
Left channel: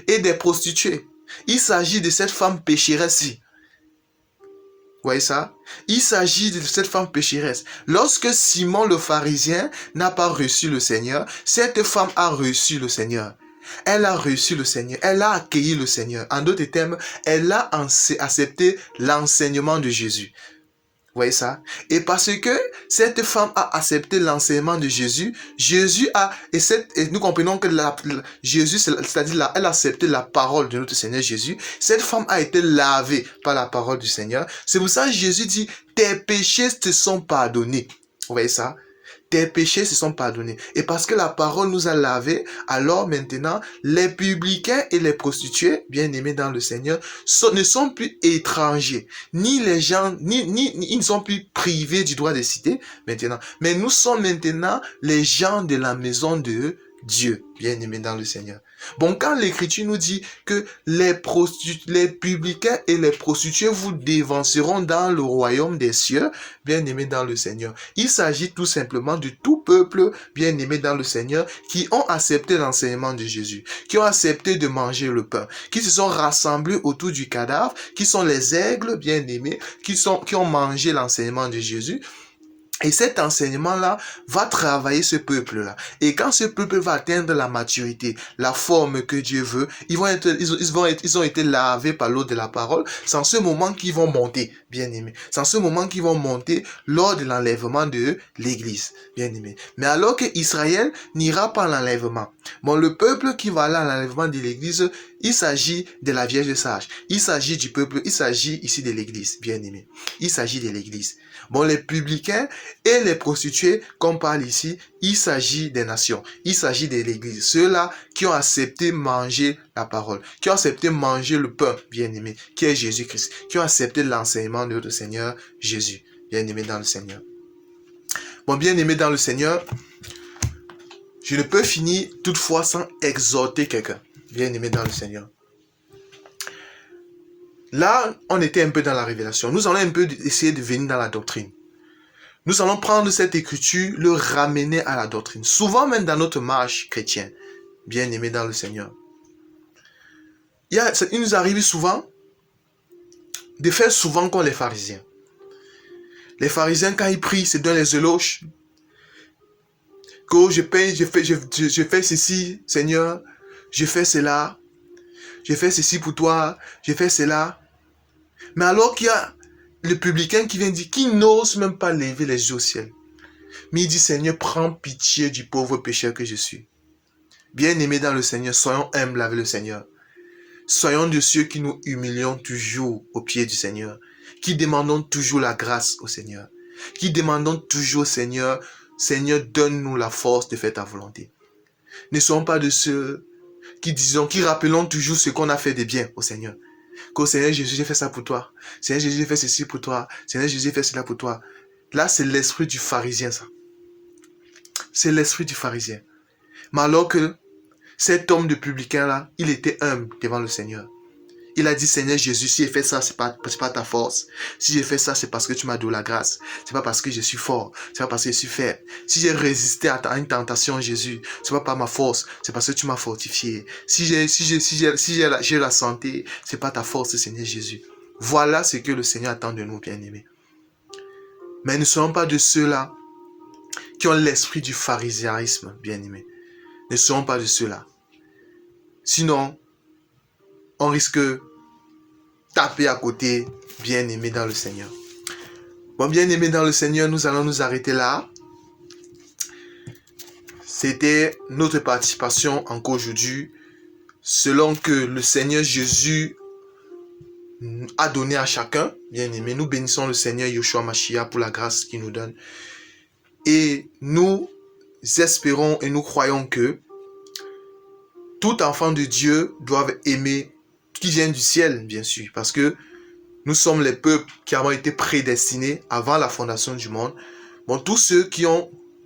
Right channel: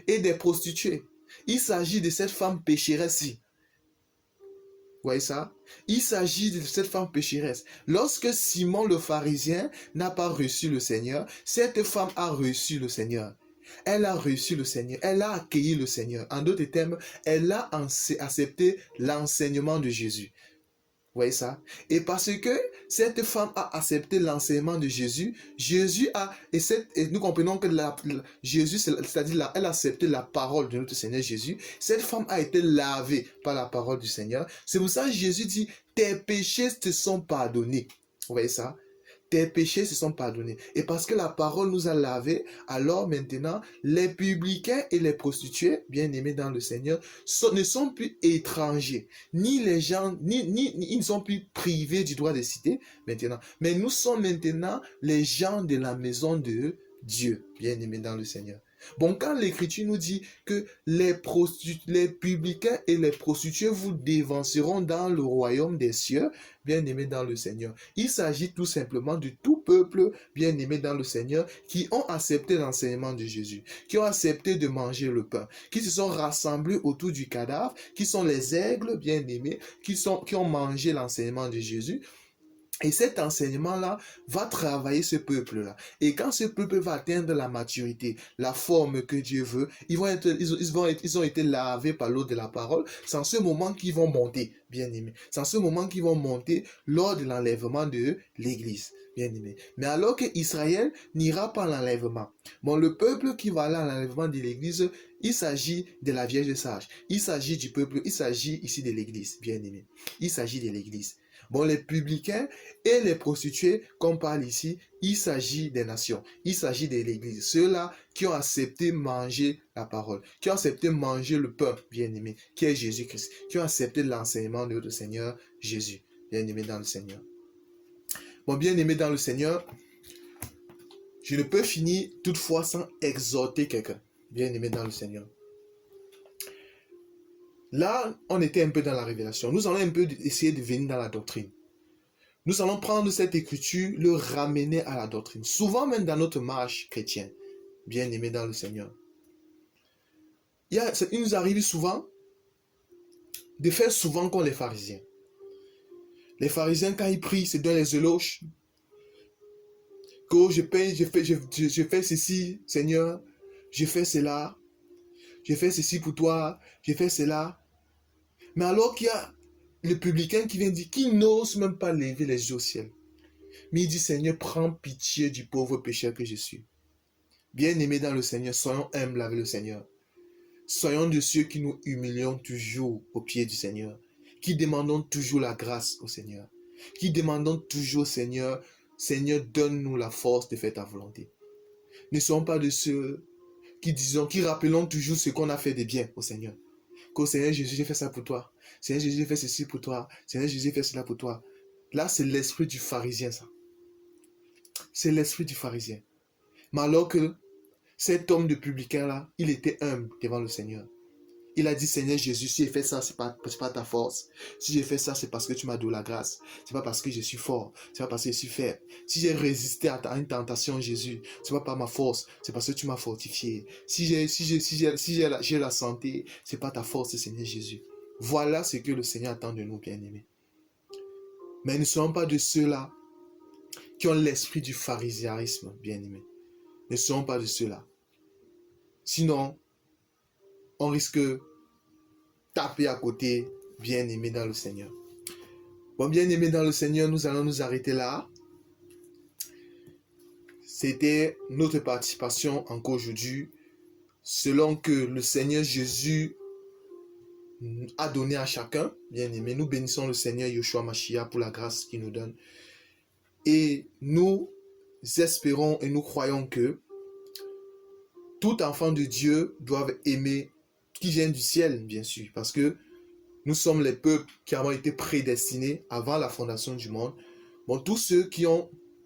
et des prostituées. Il s'agit de cette femme pécheresse-ci. Vous voyez ça? Il s'agit de cette femme pécheresse. Lorsque Simon le pharisien n'a pas reçu le Seigneur, cette femme a reçu le Seigneur. Elle a reçu le Seigneur. Elle a accueilli le Seigneur. En d'autres termes, elle a accepté l'enseignement de Jésus. Vous voyez ça? Et parce que cette femme a accepté l'enseignement de Jésus, et nous comprenons que Jésus, c'est-à-dire elle a accepté la parole de notre Seigneur Jésus. Cette femme a été lavée par la parole du Seigneur. C'est pour ça que Jésus dit, tes péchés te sont pardonnés. Vous voyez ça? Tes péchés se sont pardonnés. Et parce que la parole nous a lavés, alors maintenant, les publicains et les prostituées, bien aimés dans le Seigneur, ne sont plus étrangers. Ni les gens, ils ne sont plus privés du droit de cité maintenant. Mais nous sommes maintenant les gens de la maison de Dieu, bien aimés dans le Seigneur. Bon, quand l'Écriture nous dit que les publicains et les prostituées vous dévanceront dans le royaume des cieux, bien aimés dans le Seigneur, il s'agit tout simplement de tout peuple bien aimé dans le Seigneur qui ont accepté l'enseignement de Jésus, qui ont accepté de manger le pain, qui se sont rassemblés autour du cadavre, qui sont les aigles bien aimés, qui ont mangé l'enseignement de Jésus. Et cet enseignement-là va travailler ce peuple-là. Et quand ce peuple va atteindre la maturité, la forme que Dieu veut, ils ont été lavés par l'eau de la parole. C'est en ce moment qu'ils vont monter, bien aimés. C'est en ce moment qu'ils vont monter lors de l'enlèvement de l'Église, bien aimés. Mais alors que Israël n'ira pas à l'enlèvement. Bon, le peuple qui va aller à l'enlèvement de l'Église, il s'agit de la Vierge sage. Il s'agit du peuple, il s'agit ici de l'Église, bien aimé. Il s'agit de l'Église. Bon, les publicains et les prostituées, qu'on parle ici, il s'agit des nations. Il s'agit de l'Église. Ceux-là qui ont accepté manger la parole, qui ont accepté manger le pain, bien aimé, qui est Jésus-Christ, qui ont accepté l'enseignement de notre Seigneur Jésus, bien aimé dans le Seigneur. Bon, bien aimé dans le Seigneur, je ne peux finir toutefois sans exhorter quelqu'un, bien aimé dans le Seigneur. Là, on était un peu dans la révélation. Nous allons un peu essayer de venir dans la doctrine. Nous allons prendre cette écriture, le ramener à la doctrine. Souvent même dans notre marche chrétienne, bien aimé dans le Seigneur. Il nous arrive souvent de faire souvent comme les pharisiens. Les pharisiens, quand ils prient, c'est dans les éloges. Que je fais ceci, Seigneur, je fais cela, je fais ceci pour toi, je fais cela. Mais alors qu'il y a le publicain qui vient dire, qui n'ose même pas lever les yeux au ciel. Mais il dit, Seigneur, prends pitié du pauvre pécheur que je suis. Bien aimés dans le Seigneur, soyons humbles avec le Seigneur. Soyons de ceux qui nous humilions toujours au pied du Seigneur, qui demandons toujours la grâce au Seigneur, qui demandons toujours au Seigneur, Seigneur, donne-nous la force de faire ta volonté. Ne soyons pas de ceux qui rappelons toujours ce qu'on a fait de bien au Seigneur. Que Seigneur Jésus, j'ai fait ça pour toi. Seigneur Jésus, j'ai fait ceci pour toi. Seigneur Jésus, j'ai fait cela pour toi. Là, c'est l'esprit du pharisien, ça. C'est l'esprit du pharisien. Mais alors que cet homme de publicain-là, il était humble devant le Seigneur. Il a dit, Seigneur Jésus, si j'ai fait ça, c'est pas ta force. Si j'ai fait ça, c'est parce que tu m'as donné la grâce. C'est pas parce que je suis fort. C'est pas parce que je suis faible. Si j'ai résisté à une tentation, Jésus, c'est pas par ma force. C'est parce que tu m'as fortifié. Si j'ai la santé, c'est pas ta force, Seigneur Jésus. Voilà ce que le Seigneur attend de nous, bien-aimés. Mais ne soyons pas de ceux-là qui ont l'esprit du pharisaïsme, bien-aimés. Ne soyons pas de ceux-là. Sinon, on risque de taper à côté, bien-aimé dans le Seigneur. Bon, bien-aimé dans le Seigneur, nous allons nous arrêter là. C'était notre participation encore aujourd'hui, selon que le Seigneur Jésus a donné à chacun. Bien aimé, nous bénissons le Seigneur Yeshua Mashiach pour la grâce qu'il nous donne. Et nous espérons et nous croyons que tout enfant de Dieu doit aimer, qui vient du ciel, bien sûr, parce que nous sommes les peuples qui avons été prédestinés avant la fondation du monde. Bon, tous ceux qui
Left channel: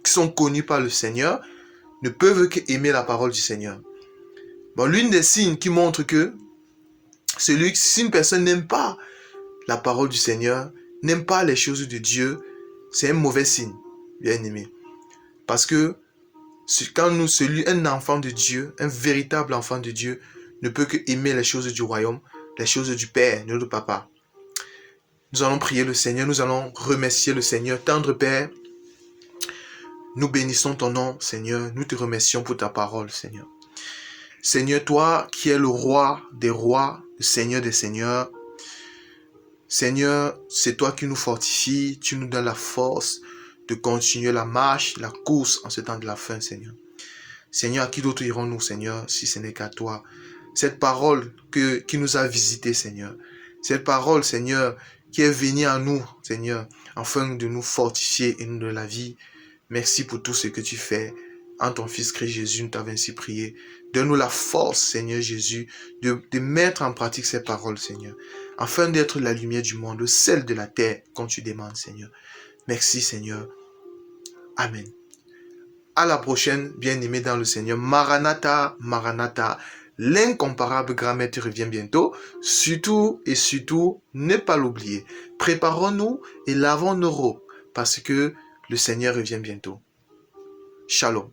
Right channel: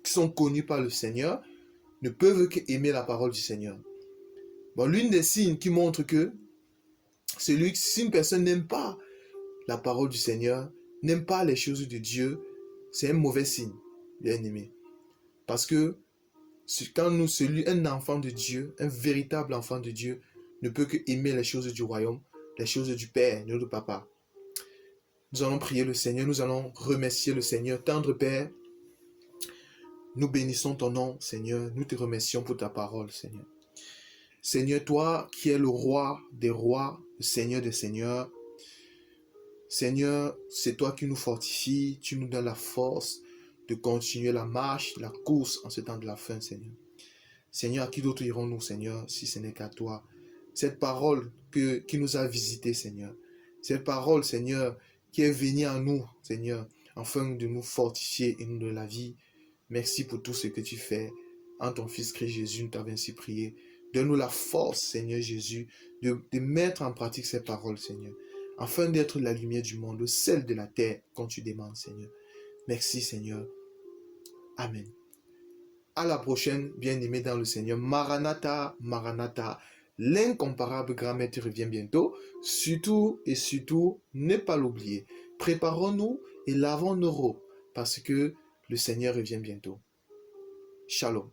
sont connus par le Seigneur ne peuvent qu'aimer la parole du Seigneur. Bon, l'une des signes qui montre que si une personne n'aime pas la parole du Seigneur, n'aime pas les choses de Dieu, c'est un mauvais signe, bien aimé. Parce que quand un enfant de Dieu, un véritable enfant de Dieu, ne peut que aimer les choses du royaume, les choses du Père, de notre Papa. Nous allons prier le Seigneur, nous allons remercier le Seigneur. Tendre Père, nous bénissons ton nom, Seigneur. Nous te remercions pour ta parole, Seigneur. Seigneur, toi qui es le roi des rois, le Seigneur des seigneurs, Seigneur, c'est toi qui nous fortifies, tu nous donnes la force de continuer la marche, la course en ce temps de la fin, Seigneur. Seigneur, à qui d'autre irons-nous, Seigneur, si ce n'est qu'à toi? Cette parole qui nous a visités, Seigneur. Cette parole, Seigneur, qui est venue à nous, Seigneur, afin de nous fortifier et nous donner la vie. Merci pour tout ce que tu fais. En ton Fils Christ Jésus, nous t'avons ainsi prié. Donne-nous la force, Seigneur Jésus, de mettre en pratique ces paroles, Seigneur, afin d'être la lumière du monde, le sel de la terre, comme tu demandes, Seigneur. Merci, Seigneur. Amen. À la prochaine, bien-aimés dans le Seigneur. Maranatha, Maranatha. L'incomparable grand-maître revient bientôt. Surtout et surtout, ne pas l'oublier. Préparons-nous et lavons nos robes, parce que le Seigneur revient bientôt. Shalom.